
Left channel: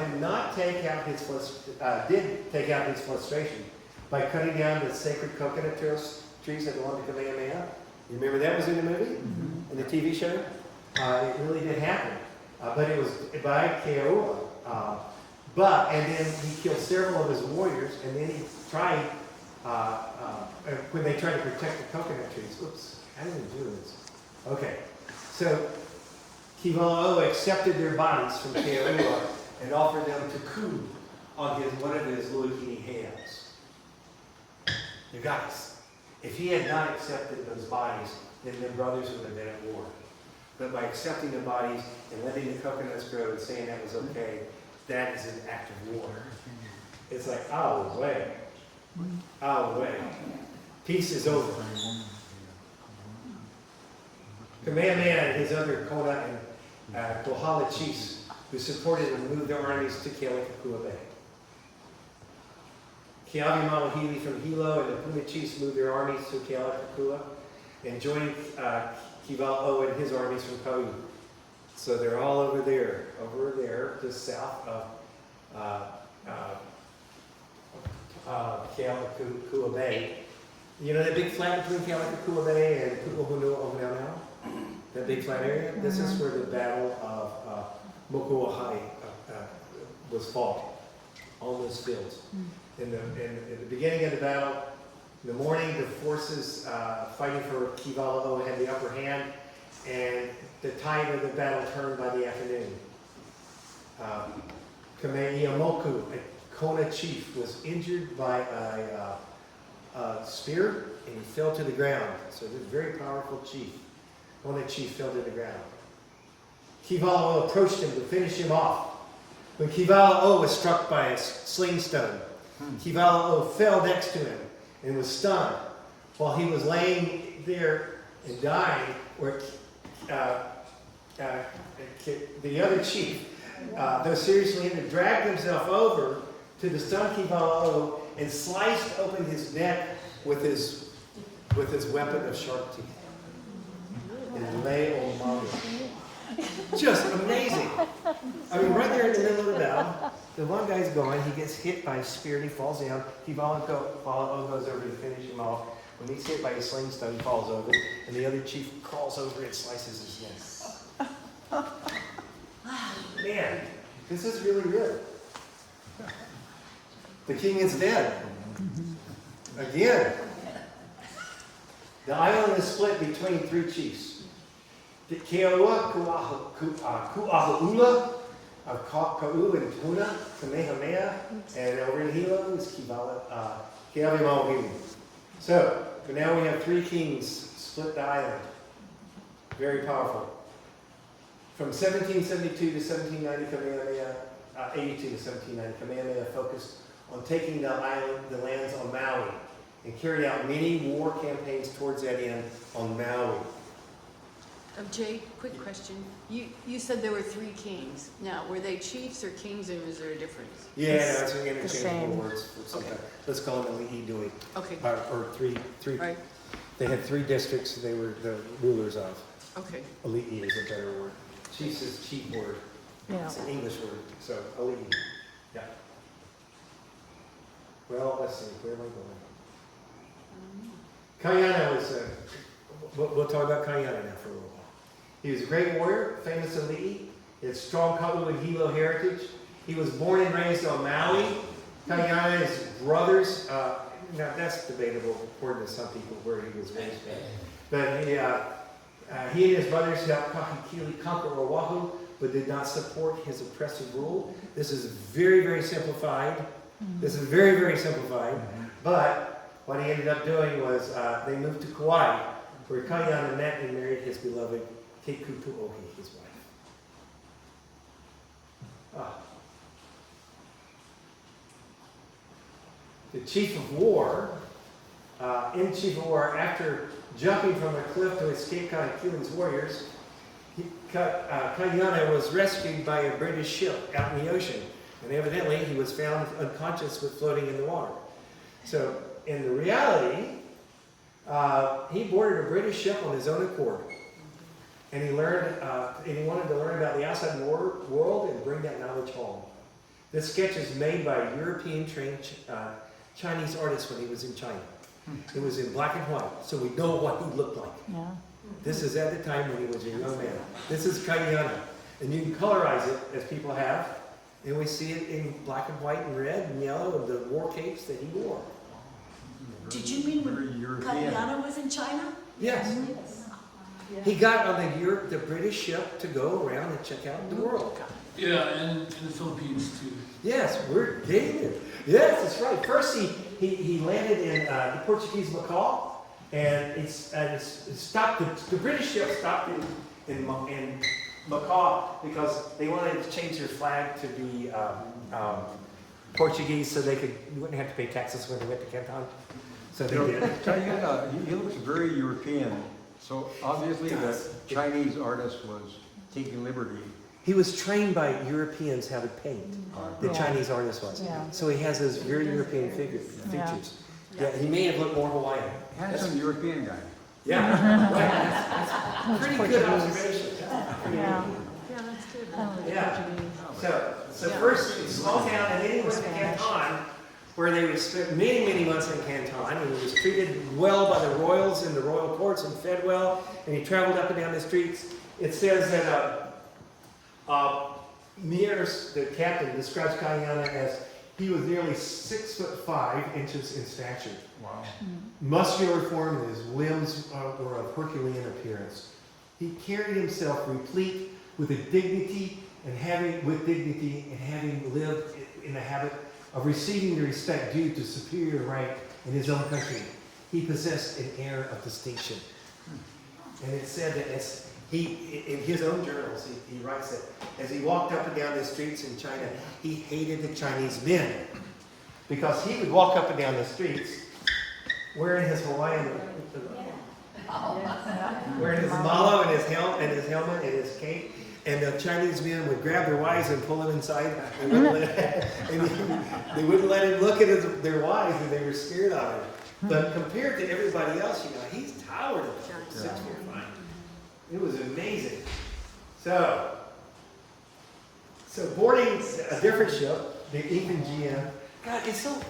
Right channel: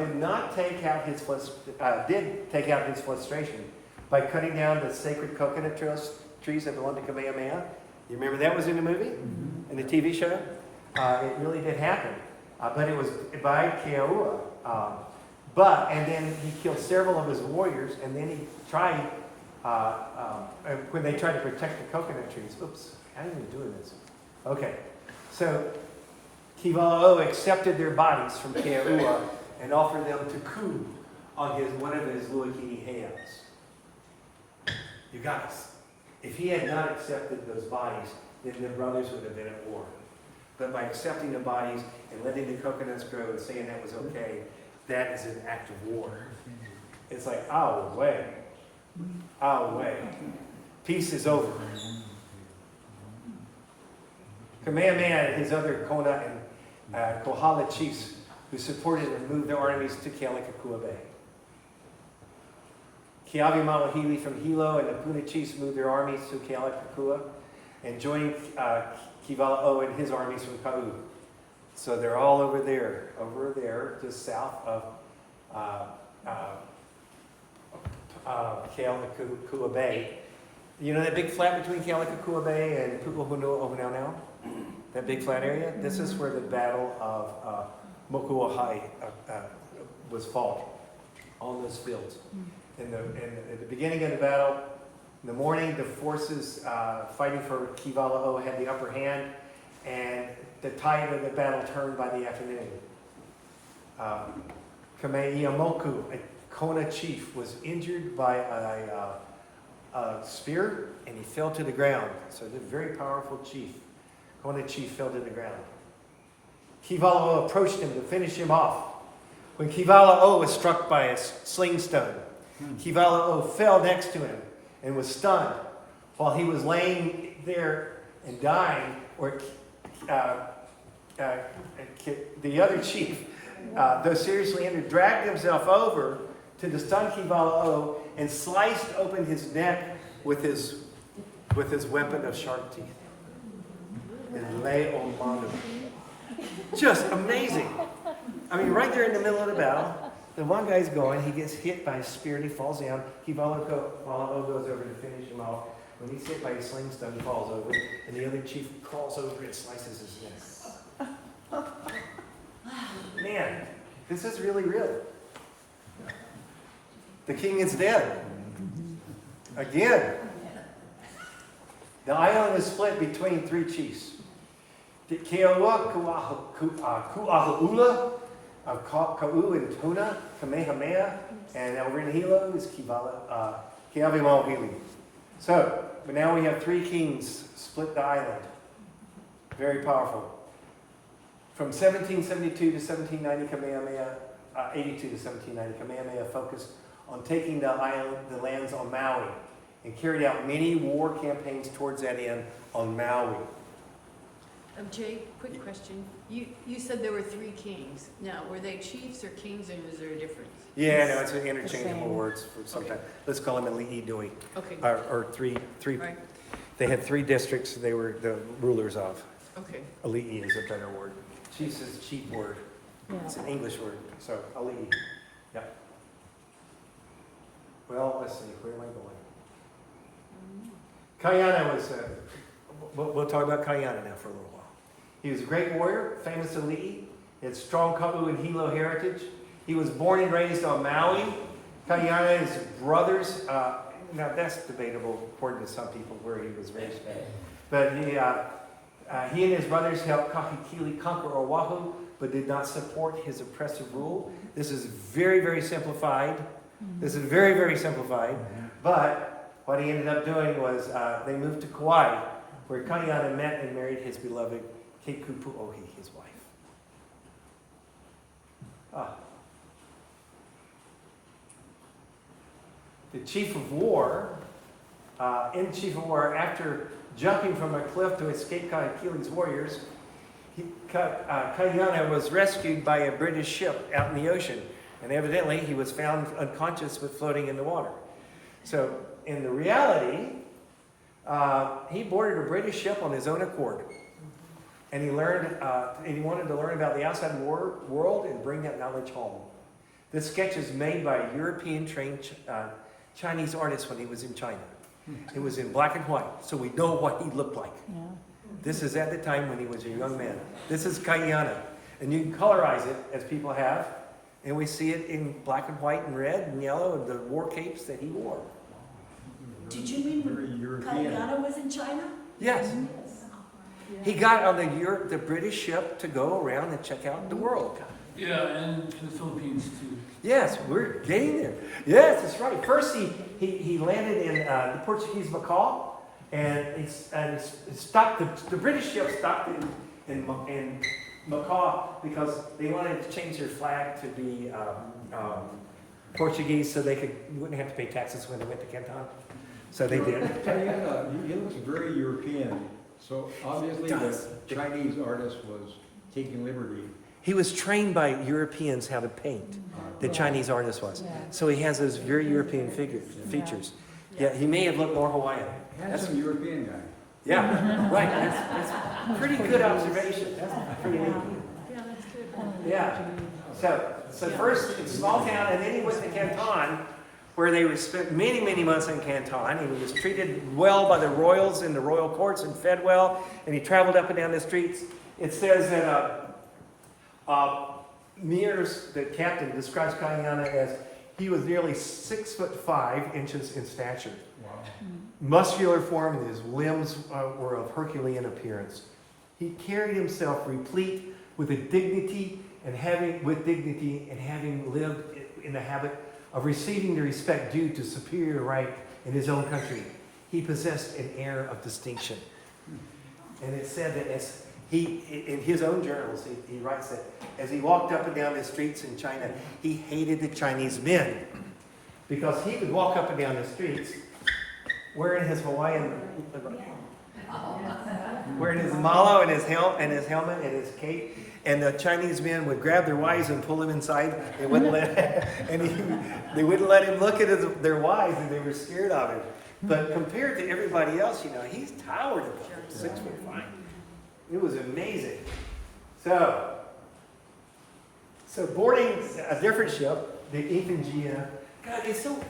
did take out his frustration by cutting down the sacred coconut trees that belonged to Kamehameha. You remember that was in the movie? In the TV show? It really did happen. But it was by Keoua. And then he killed several of his warriors, and then he tried, when they tried to protect the coconut trees. Oops, how am I doing this? Okay, so Kivala'o accepted their bodies from Keoua and offered them to Ku on one of his Luakini heiaus. You guys, if he had not accepted those bodies, then the brothers would have been at war. But by accepting the bodies and letting the coconuts grow and saying that was okay, that is an act of war. It's like, our way. Peace is over. Kamehameha and his other Kona and Kohala chiefs who supported him moved their armies to Kealakekua Bay. Keawe Mawahili from Hilo and the Puna chiefs moved their armies to Kealakekua and joined Kivala'o and his armies from Kau. So they're all over there, just south of Kealakekua Bay. You know that big flat between Kealakekua Bay and Pu'uhonua Ohonaunau? That big flat area? This is where the Battle of Mokuahai was fought, on those fields. At the beginning of the battle, in the morning, the forces fighting for Kivala'o had the upper hand, and the tide of the battle turned by the afternoon. Kameiamoku, a Kona chief, was injured by a spear, and he fell to the ground. So this very powerful chief, Kona chief, fell to the ground. Kivala'o approached him to finish him off. When Kivala'o was struck by a sling stone, Kivala'o fell next to him and was stunned. While he was laying there and dying, the other chief, though seriously injured, dragged himself over to the stunned Kivala'o and sliced open his neck with his weapon of sharp teeth. And lay on Mondo. Just amazing. I mean, right there in the middle of the battle, the one guy's going, he gets hit by a spear and he falls down. Kivala'o goes over to finish him off. When he's hit by a sling stone, he falls over, and the other chief crawls over and slices his neck. Man, this is really real. The king is dead. Again. The island is split between three chiefs. The Keoua Ku'ahu'ula of Kau and Puna, Kamehameha, and over in Hilo is Keawe Mawahili. So, but now we have three kings split the island. Very powerful. From 1772 to 1790, Kamehameha, 82 to 1790, Kamehameha focused on taking the lands on Maui, and carried out many war campaigns towards that end on Maui. Jay, quick question. You said there were 3 kings. Now, were they chiefs or kings, and is there a difference? Yeah, no, it's an interchangeable same. words for sometimes. Okay. Let's call them Ali'i Dui, Okay, or three. right, They had 3 districts they were the rulers of. okay. Ali'i is a better word. Chiefs is a cheap word. It's an English word, so Ali'i. Yep. Well, let's see, where am I going? Kayana was, we'll talk about Kayana now for a little while. He was a great warrior, famous Ali'i. He had strong Ka'u and Hilo heritage. He was born and raised on Maui. Kayana's brothers, now that's debatable according to some people where he was raised at. But he and his brothers helped Kahekili conquer Oahu, but did not support his oppressive rule. This is very, very simplified. This is very, very simplified. But what he ended up doing was they moved to Kauai, where Kayana met and married his beloved Kekupuohi, his wife. The chief of war, after jumping from a cliff to escape Kahekili's warriors, Kayana was rescued by a British ship out in the ocean. And evidently he was found unconscious but floating in the water. So in the reality, he boarded a British ship on his own accord. And he learned, and he wanted to learn about the outside world and bring that knowledge home. This sketch is made by a European trained Chinese artist when he was in China. It was in black and white, so we know what he looked like. This is at the time when he was a young man. This is Kayana. And you can colorize it as people have. And we see it in black and white and red and yellow and the war capes that he wore. Did you mean when Kayana was in China? Yes. He got on the British ship to go around and check out the world. Yeah, and in the Philippines too. Yes, we're getting there. Yes, that's right. First, he landed in the Portuguese Macau, and he stopped. The British ship stopped in Macau because they wanted to change their flag to be Portuguese, so you wouldn't have to pay taxes when they went to Canton. So they did. He looks very European, so obviously the Chinese artist was taking liberty. He was trained by Europeans how to paint. The Chinese artist was. So he has those very European features. Yeah, he may have looked more Hawaiian. Handsome European guy. Yeah, right. That's pretty good observation. That's pretty neat. Yeah, that's good. Yeah. So first it's small town, and then he went to Canton, where they spent many, many months in Canton, and he was treated well by the royals in the royal courts and fed well, and he traveled up and down the streets. It says that Mears, the captain, describes Kayana as he was nearly 6'5" in stature. Wow. Muscular form, and his limbs were of Herculean appearance. He carried himself replete with dignity and having lived in the habit of receiving the respect due to superior rank in his own country. He possessed an air of distinction. And it said that in his own journals, he writes that as he walked up and down the streets in China, he hated the Chinese men because he would walk up and down the streets wearing his Hawaiian, wearing his malo and his helmet and his cape, and the Chinese men would grab their wives and pull them inside. They wouldn't they wouldn't let him look at their wives, and they were scared of him. But compared to everybody else, he's towered above them, 6'5". It was amazing. So boarding a different ship, the Ifangia. God, it's so.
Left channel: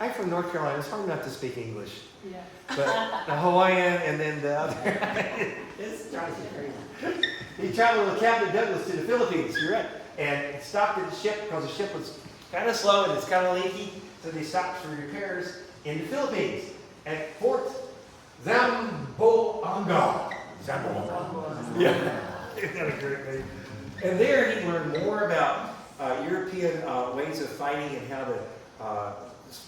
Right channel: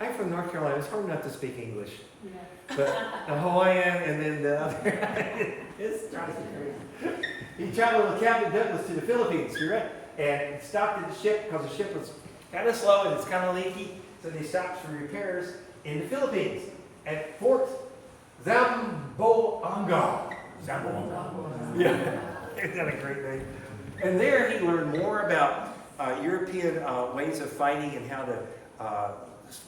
I'm from North Carolina. It's hard not to speak English. But the Hawaiian and then the other. It's drives me crazy. He traveled with Captain Douglas to the Philippines. You're right. And stopped at the ship because the ship was kind of slow and it's kind of leaky. So they stopped for repairs in the Philippines at Fort Zamboanga. Yeah, isn't that a great name? And there he learned more about European ways of fighting and how to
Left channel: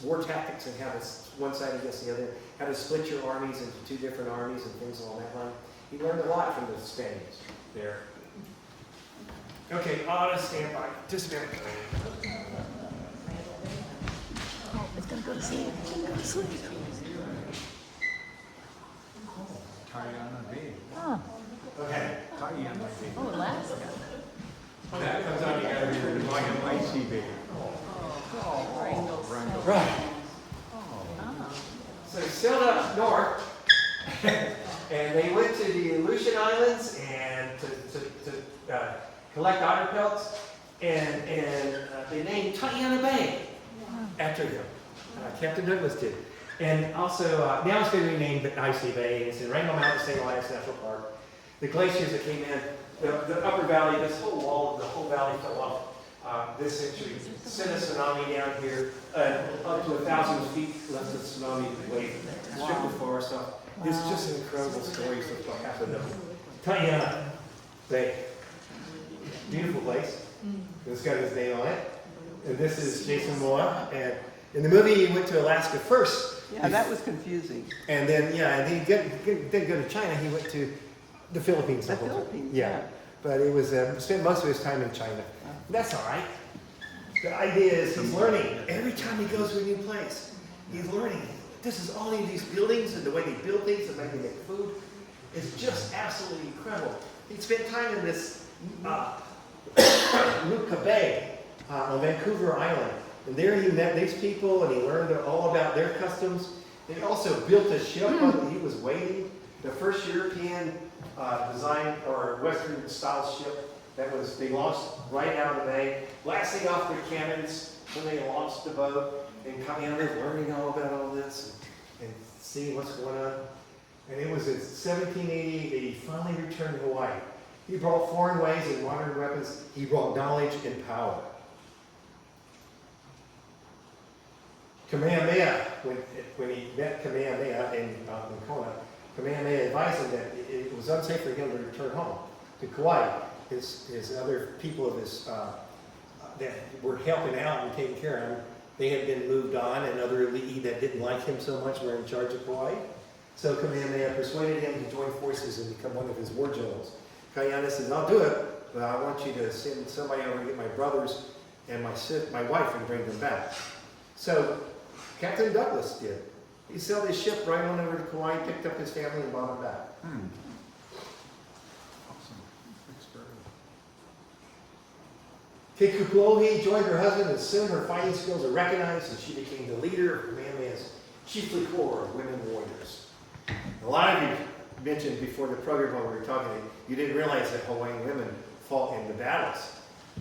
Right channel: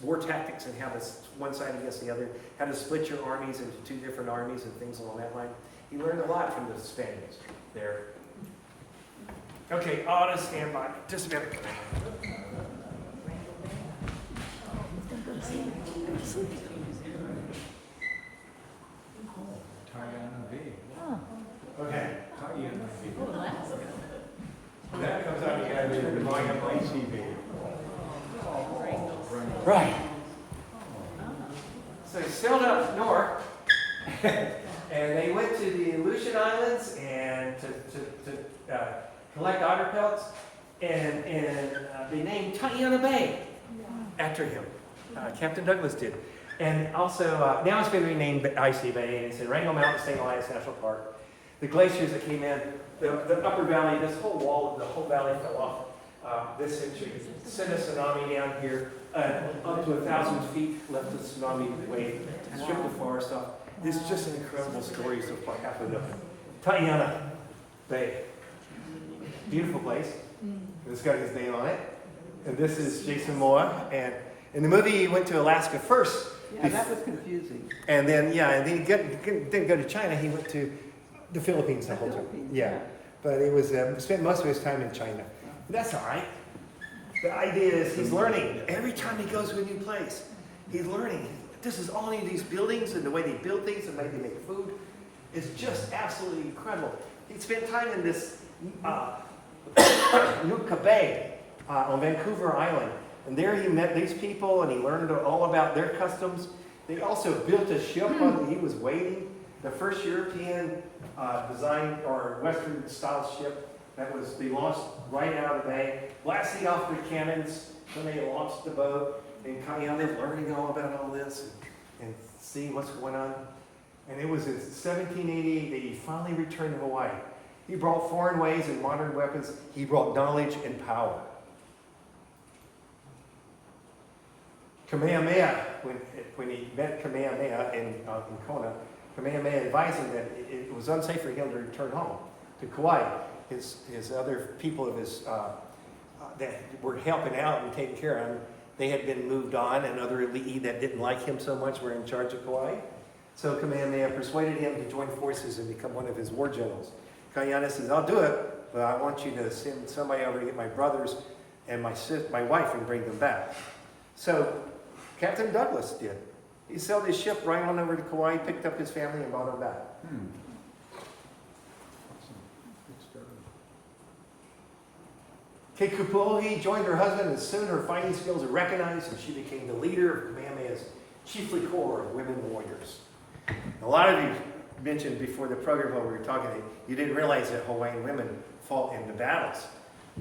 war tactics and how to one side against the other, how to split your armies into 2 different armies and things along that line. He learned a lot from the Spaniards there. Okay, auto standby. Just a minute. Tayana Bay. Okay. Tayana Bay. Oh, Alaska. That comes out, you gotta be able to buy them. Icy Bay. Right. So he sailed up north, and they went to the Aleutian Islands and to collect otter pelts, and they named Tayana Bay after him. Captain Douglas did. And also, now it's been renamed Icy Bay, and it's in Wrangell Mountain State Alliance National Park. The glaciers that came in, the upper valley, this whole wall, the whole valley fell off this century. Sent a tsunami down here, up to 1,000 feet, left the tsunami wave, stripped the forest off. It's just an incredible stories of what happened up Tayana Bay. Beautiful place. It's got his name on it. And this is Jason Momoa. And in the movie, he went to Alaska first. Yeah, that was confusing. And then, he didn't go to China. He went to the Philippines the The whole time. Philippines, Yeah. yeah. But it was, spent most of his time in China. That's all right. The idea is he's learning. Every time he goes to a new place, he's learning. This is all of these buildings and the way they build things and the way they make food is just absolutely incredible. He spent time in this Nootka Bay on Vancouver Island. And there he met these people and he learned all about their customs. They also built a ship while he was waiting. The first European design or Western style ship they launched right out of the bay, blasting off their cannons when they launched the boat, and coming out there learning all about all this and seeing what's going on. And it was in 1788 that he finally returned to Hawaii. He brought foreign ways and modern weapons. He brought knowledge and power. Kamehameha, when he met Kamehameha in Kona, Kamehameha advised him that it was unsafe for him to return home to Kauai. His other people of his that were helping out and taking care of him, they had been moved on, and other elite that didn't like him so much were in charge of Kauai. So Kamehameha persuaded him to join forces and become one of his war generals. Kaiana says, "I'll do it, but I want you to send somebody over to get my brothers and my wife and bring them back." So Captain Douglas did. He sailed his ship right on over to Kauai, picked up his family, and brought them back. Awesome. Good story. Keikupuohi joined her husband, and soon her fighting skills were recognized, and she became the leader of Kamehameha's chiefly corps of women warriors. A lot of you mentioned before the program while we were talking, you didn't realize that Hawaiian women fought in the battles.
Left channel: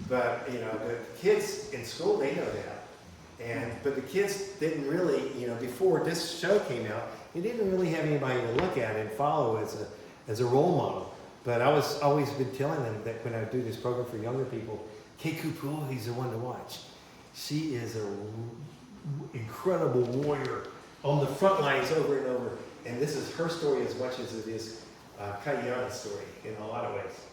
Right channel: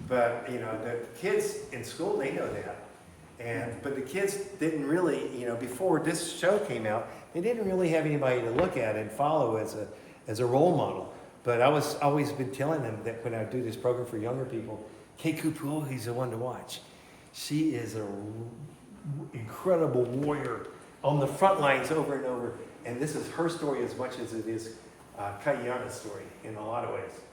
But, the kids in school, they know that. But the kids didn't really, before this show came out, they didn't really have anybody to look at and follow as a role model. But I was always been telling them that when I do this program for younger people, Keikupuohi's the one to watch. She is an incredible warrior on the front lines over and over. And this is her story as much as it is Kaiana's story in a lot of ways.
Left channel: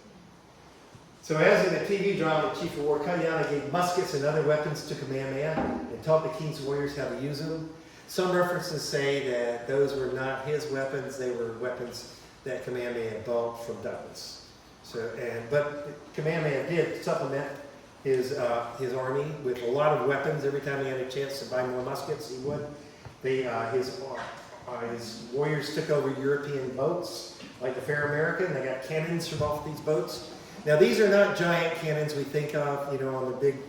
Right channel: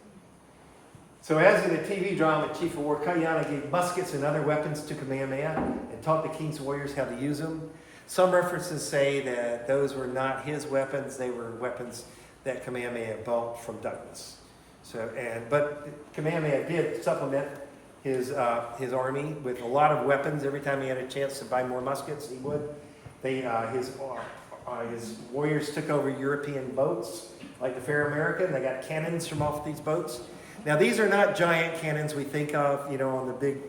So as in the TV drama Chief of War, Kaiana gave muskets and other weapons to Kamehameha and taught the king's warriors how to use them. Some references say that those were not his weapons, they were weapons that Kamehameha bought from Douglas. But Kamehameha did supplement his army with a lot of weapons. Every time he had a chance to buy more muskets, he would. His warriors took over European boats, like the Fair American. They got cannons from off these boats. Now, these are not giant cannons we think of, on the big,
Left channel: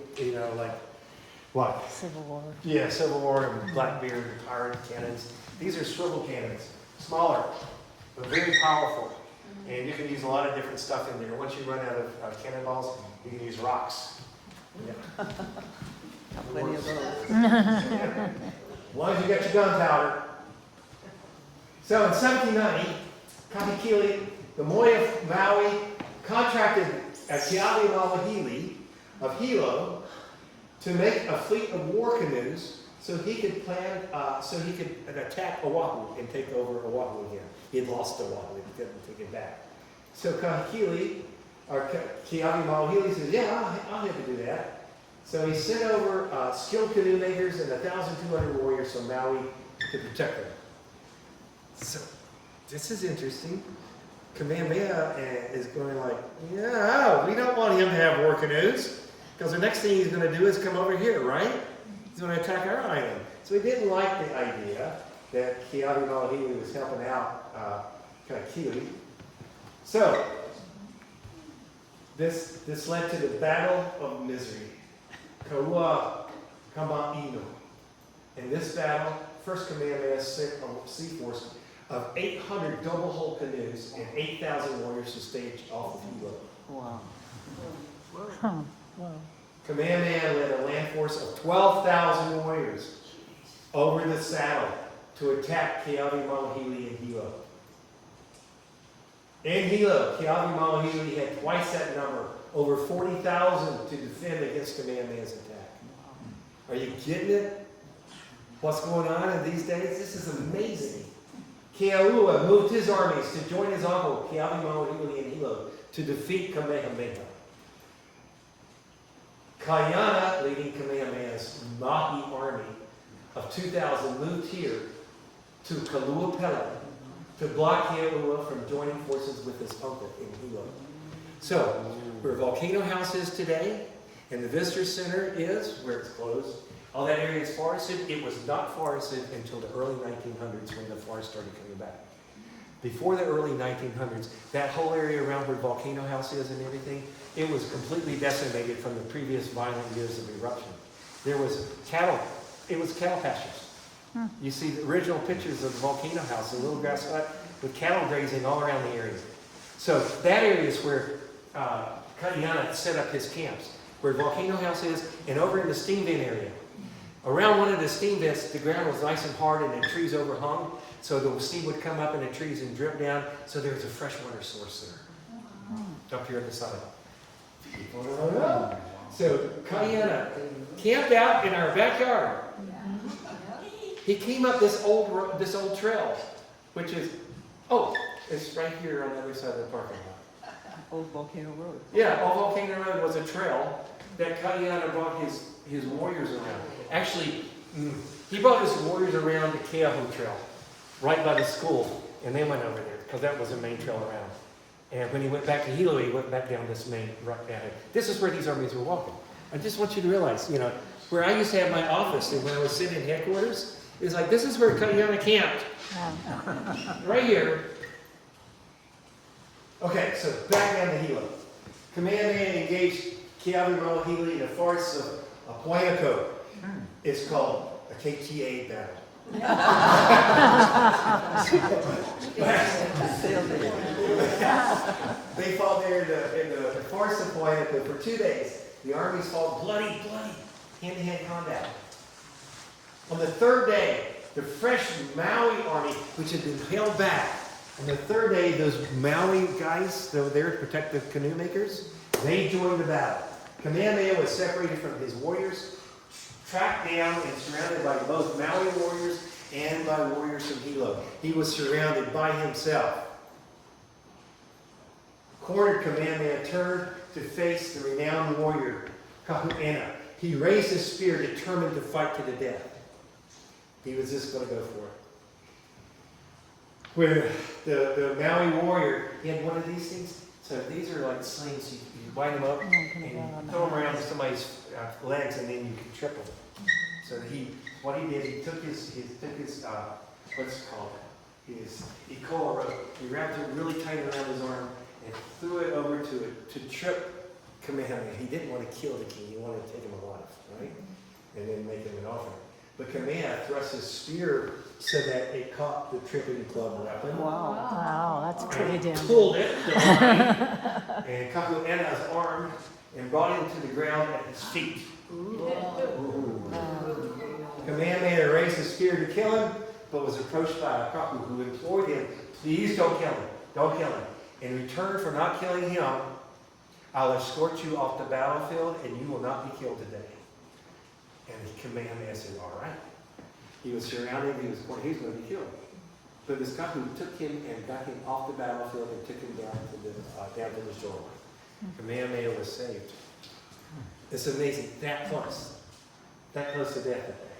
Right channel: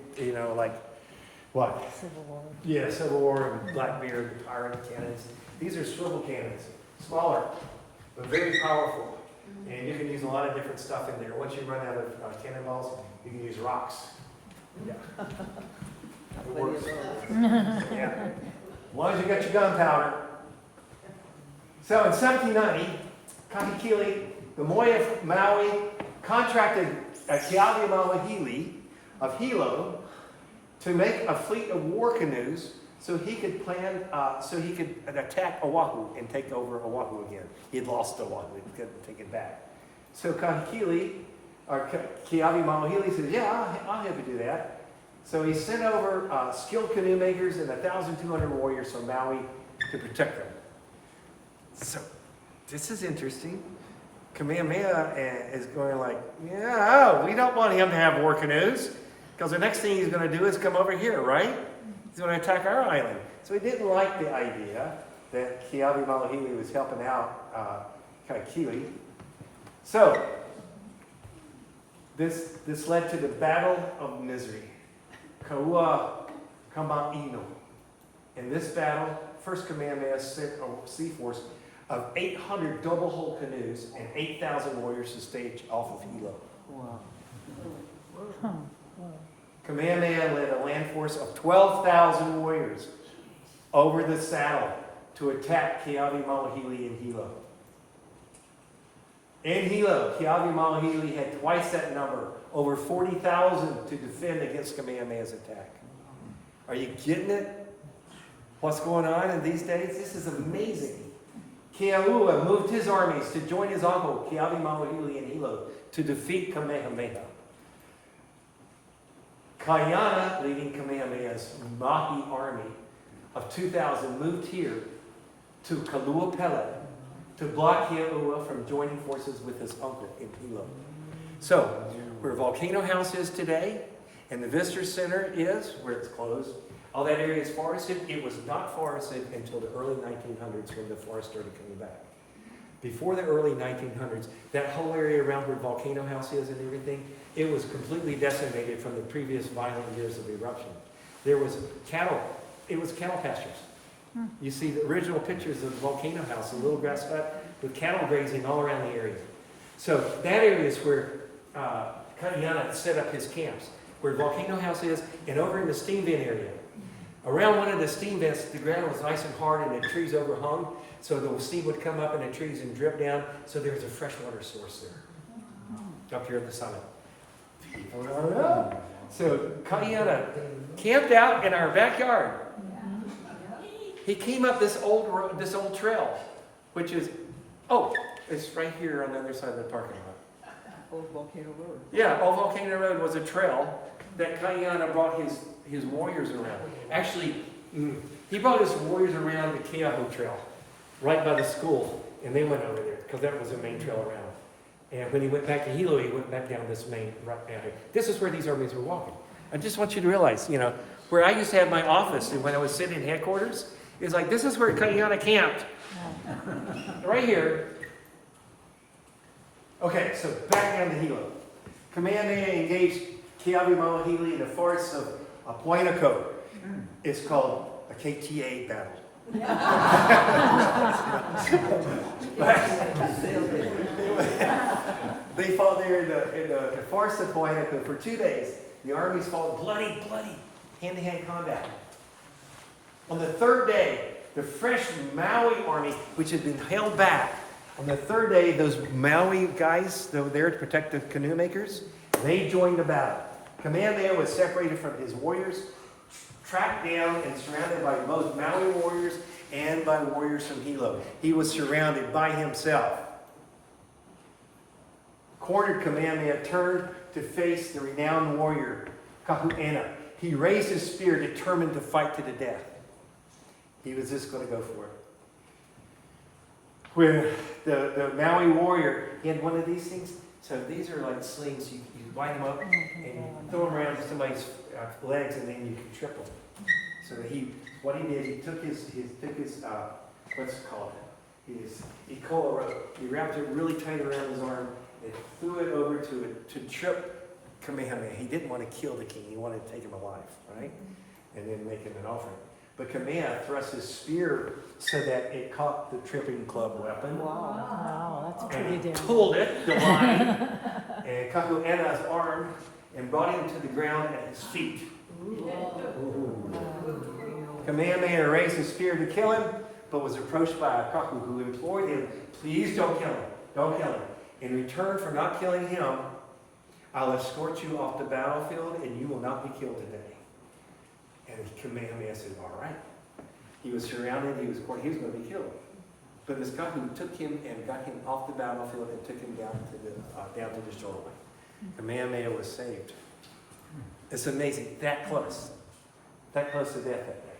like, what? Civil War. Yeah, Civil War and Blackbeard, pirate cannons. These are swivel cannons, smaller, but very powerful. And you can use a lot of different stuff in there. Once you run out of cannonballs, you can use rocks. Yeah. It works. Yeah. As long as you got your gunpowder. So in 1790, Kahekili, the Moi of Maui, contracted Keawe Mawahili of Hilo to make a fleet of war canoes so he could attack Oahu and take over Oahu again. He had lost Oahu, he couldn't take it back. So Kahekili, or Keawe Mawahili said, "Yeah, I'll help you do that." So he sent over skilled canoe makers and 1,200 warriors from Maui to protect them. So this is interesting. Kamehameha is going like, "Yeah, we don't want him to have war canoes, because the next thing he's going to do is come over here, right? He's going to attack our island." So he didn't like the idea that Keawe Malahili was helping out Kaikili. So this led to the Battle of Misery, Kaua Kama'ino. In this battle, First Kamehameha sent a sea force of 800 double-hull canoes and 8,000 warriors to stage off of Hilo. Kamehameha led a land force of 12,000 warriors over the saddle to attack Keawe Malahili in Hilo. In Hilo, Keawe Malahili had twice that number, over 40,000 to defend against Kamehameha's attack. Are you getting it? What's going on in these days? This is amazing. Keaua moved his armies to join his uncle, Keawe Malahili in Hilo, to defeat Kamehameha. Kaiana, leading Kamehameha's Mahi army of 2,000, moved here to Kaluapela to block Keaua from joining forces with his uncle in Hilo. So, where Volcano House is today, and the Visitor Center is, where it's closed, all that area is forested. It was not forested until the early 1900s when the forest started coming back. Before the early 1900s, that whole area around where Volcano House is and everything, it was completely decimated from the previous violent years of eruption. There was cattle, it was cattle pastures. You see the original pictures of the Volcano House, a little grass hut with cattle grazing all around the area. So that area is where Kaiana set up his camps, where Volcano House is, and over in the steam vent area. Around one of the steam vents, the ground was nice and hard and the trees overhung, so the steam would come up in the trees and drip down, so there was a freshwater source there, up here at the summit. People don't know. So Kaiana camped out in our backyard. He came up this old trail, which is, it's right here on the other side of the parking lot. Old Volcano Road. Yeah, Old Volcano Road was a trail that Kaiana brought his warriors around. Actually, he brought his warriors around the Keaho Trail, right by the school, and then went over there, because that was the main trail around. And when he went back to Hilo, he went back down this main, right down here. This is where these armies were walking. I just want you to realize, where I used to have my office, and when I was sitting in headquarters, it's like, this is where Kaiana camped. Right here. Okay, so back down to Hilo. Kamehameha engaged Keawe Malahili in the forests of Apoiaco. It's called a KTA battle. They fought there in the forest of Apoiaco for 2 days. The armies fought bloody, hand-to-hand combat. On the third day, the fresh Maui army, which had been held back, on the third day, those Maui guys that were there to protect the canoe makers, they joined the battle. Kamehameha was separated from his warriors, tracked down and surrounded by both Maui warriors and by warriors from Hilo. He was surrounded by himself. Cornered, Kamehameha turned to face the renowned warrior, Kahu'ena. He raised his spear, determined to fight to the death. He was just going to go for it. Where the Maui warrior, he had one of these things. So these are like slings. You wind them up and you throw them around somebody's legs, and then you can trip them. So what he did, he took his what's it called? His ikola rope. He wrapped it really tight around his arm and threw it over to trip Kamehameha. He didn't want to kill the king. He wanted to take him alive, right? And then make him an offering. But Kamehameha thrust his spear so that it caught the tripping club weapon. Wow, that's And pretty he damn. pulled it, the line, and Kahu'ena's arm, and brought him to the ground at his feet. Kamehameha raised his spear to kill him, but was approached by Akaku, who implored him, please don't kill him, don't kill him. In return for not killing him, I'll escort you off the battlefield, and you will not be killed today. And Kamehameha said, all right. He was surrounded, he was going to be killed. But this guy who took him and got him off the battlefield and took him down to the shoreline. Kamehameha was saved. It's amazing, that close to death that day.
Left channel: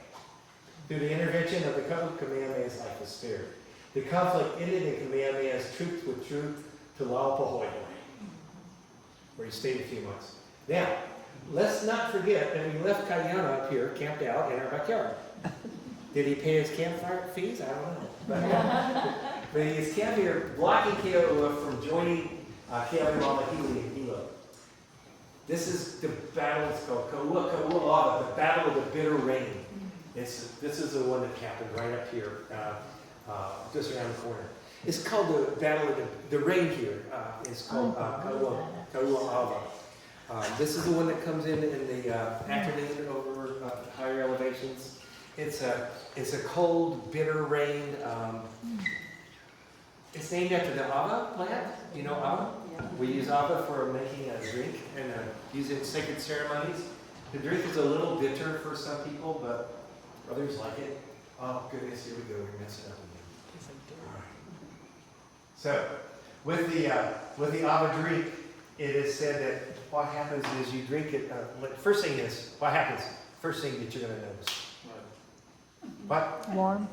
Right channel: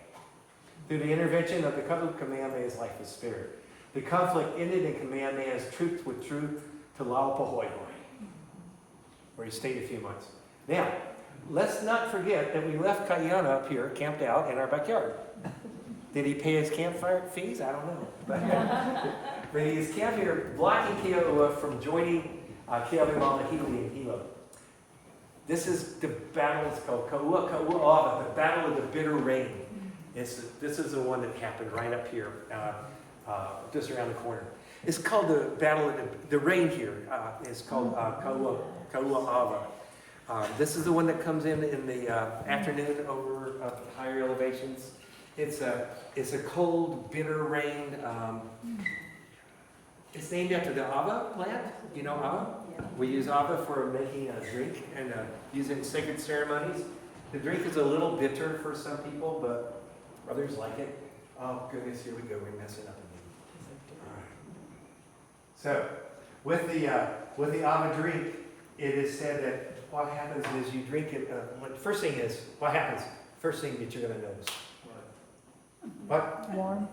Through the intervention of the Kahu, Kamehameha's life was spared. The conflict ended and Kamehameha's troops withdrew to Laupahoehoe, where he stayed a few months. Now, let's not forget that we left Kaiana up here, camped out in our backyard. Did he pay his campfire fees? I don't know. But he's camped here, blocking Keoua from joining Keawimauwahili in Hilo. This is the battle, it's called Kaua'ava, the Battle of the Bitter Rain. This is the one that happened right up here, just around the corner. It's called the Battle of the Rain here. It's called Kaua'ava. This is the one that comes in the afternoon over higher elevations. It's a cold, bitter rain. It's named after the ava plant. You know ava? We use ava for making a drink and use it in sacred ceremonies. The drink is a little bitter for some people, but others like it. Oh goodness, here we go. We mess it up again. All right. So with the ava drink, it is said that what happens is you drink it. First thing is what happens. First thing that you're going to notice. What? Warm.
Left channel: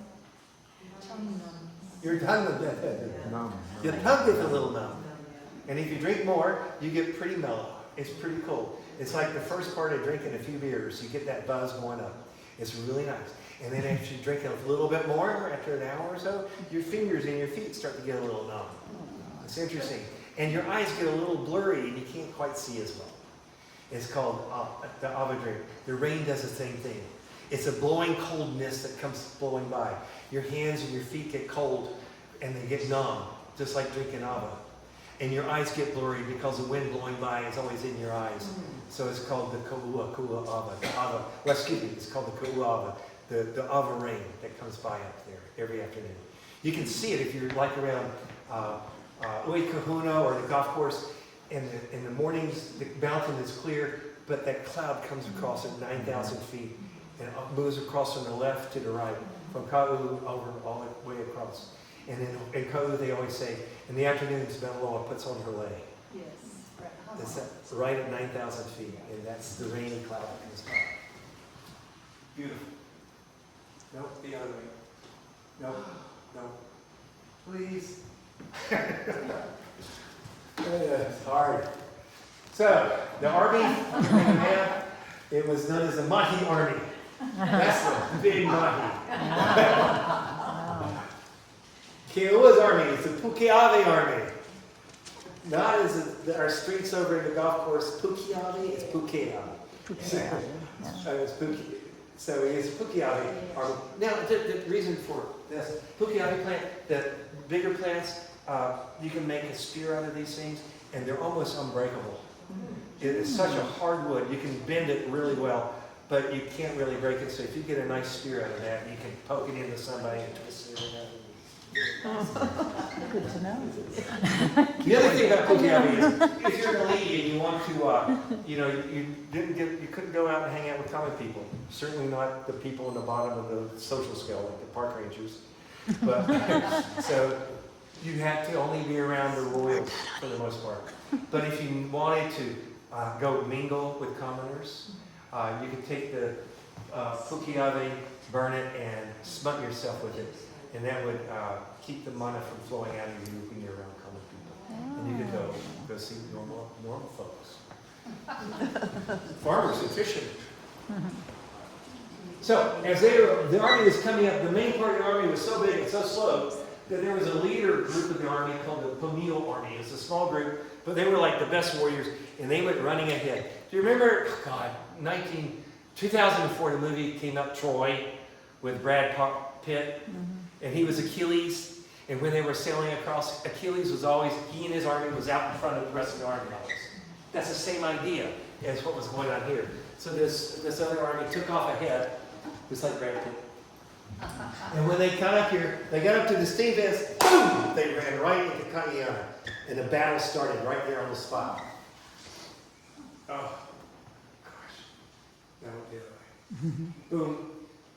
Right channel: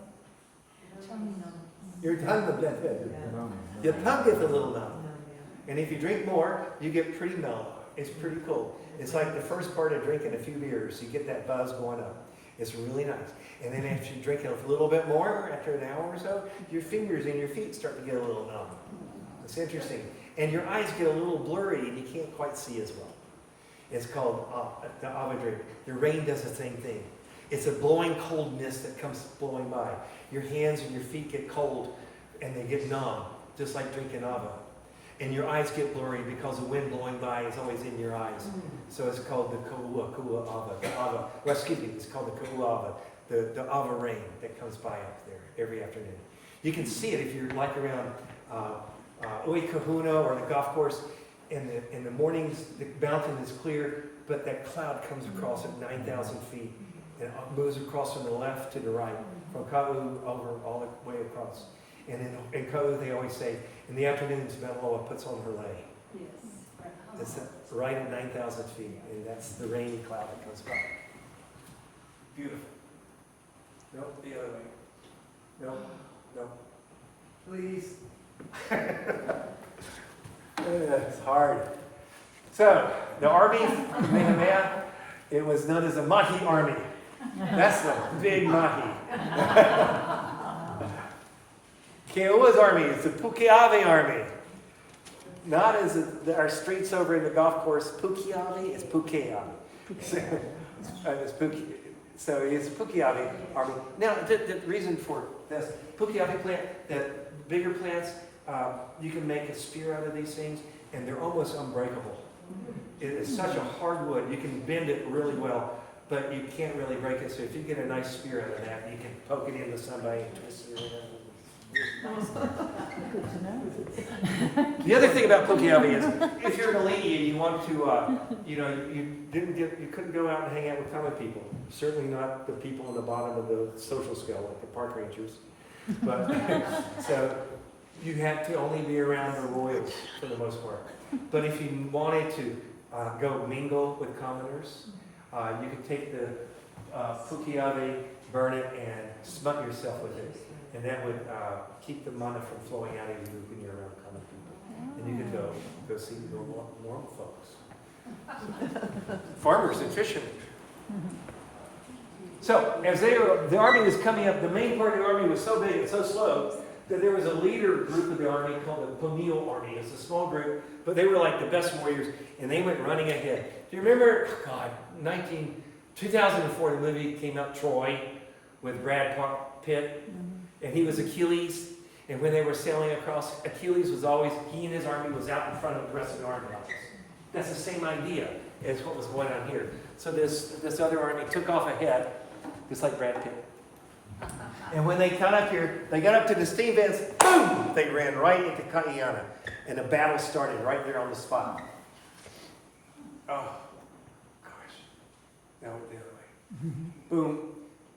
Your tongue will get your tongue gets a little numb. And if you drink more, you get pretty mellow. It's pretty cool. It's like the first part of drinking a few beers, you get that buzz going up. It's really nice. And then if you drink a little bit more, after an hour or so, your fingers and your feet start to get a little numb. It's interesting. And your eyes get a little blurry and you can't quite see as well. It's called the ava drink. The rain does the same thing. It's a blowing coldness that comes blowing by. Your hands and your feet get cold and they get numb, just like drinking ava. And your eyes get blurry because the wind blowing by is always in your eyes. So it's called the Kaua'ava. The ava. Well, excuse me, it's called the Kaua'ava. The ava rain that comes by up there every afternoon. You can see it if you're like around Ui Kahuna or the golf course. In the mornings, the mountain is clear, but that cloud comes across at 9,000 feet. And it moves across from the left to the right, from Ka'u over all the way across. And in Ka'u, they always say, in the afternoons, Mount Loa puts on her lei. It's right at 9,000 feet, and that's the rainy cloud that comes by. Beautiful. Nope, the other way. Nope, nope. Please. It's hard. So, the army, it was known as the Mahi Army. That's the big Mahi. Keo'ua's army is the Puke'awe Army. Not as our streets over in the golf course, Puke'awe, it's Puke'awe. So it's Puke'awe Army. Now, the reason for this, Puke'awe plant, that bigger plants, you can make a spear out of these things, and they're almost unbreakable. It is such a hard wood, you can bend it really well, but you can't really break it. So if you get a nice spear out of that, you can poke it into somebody and twist it around. Good to know. The other thing about Puke'awe is, if you're an elite and you want to, you couldn't go out and hang out with common people. Certainly not the people in the bottom of the social scale, like the park rangers. But so you had to only be around the royals for the most part. But if you wanted to go mingle with commoners, you could take the Puke'awe, burn it, and smut yourself with it. And that would keep the mana from flowing out of you when you're around common people. And you could go see normal folks. Farmers and fishermen. So, as the army was coming up, the main part of the army was so big and so slow that there was a leader group of the army called the Pamil Army. It was a small group, but they were like the best warriors, and they went running ahead. Do you remember, 2004, the movie came up, Troy, with Brad Pitt, and he was Achilles, and when they were sailing across, Achilles was always, he and his army was out in front of the rest of the army. That's the same idea as what was going on here. So this other army took off ahead, just like Brad Pitt. And when they got up here, they got up to the Stevens, boom! They ran right into Kaiana, and the battle started right there on the spot. Oh, gosh. That went the other way. Boom.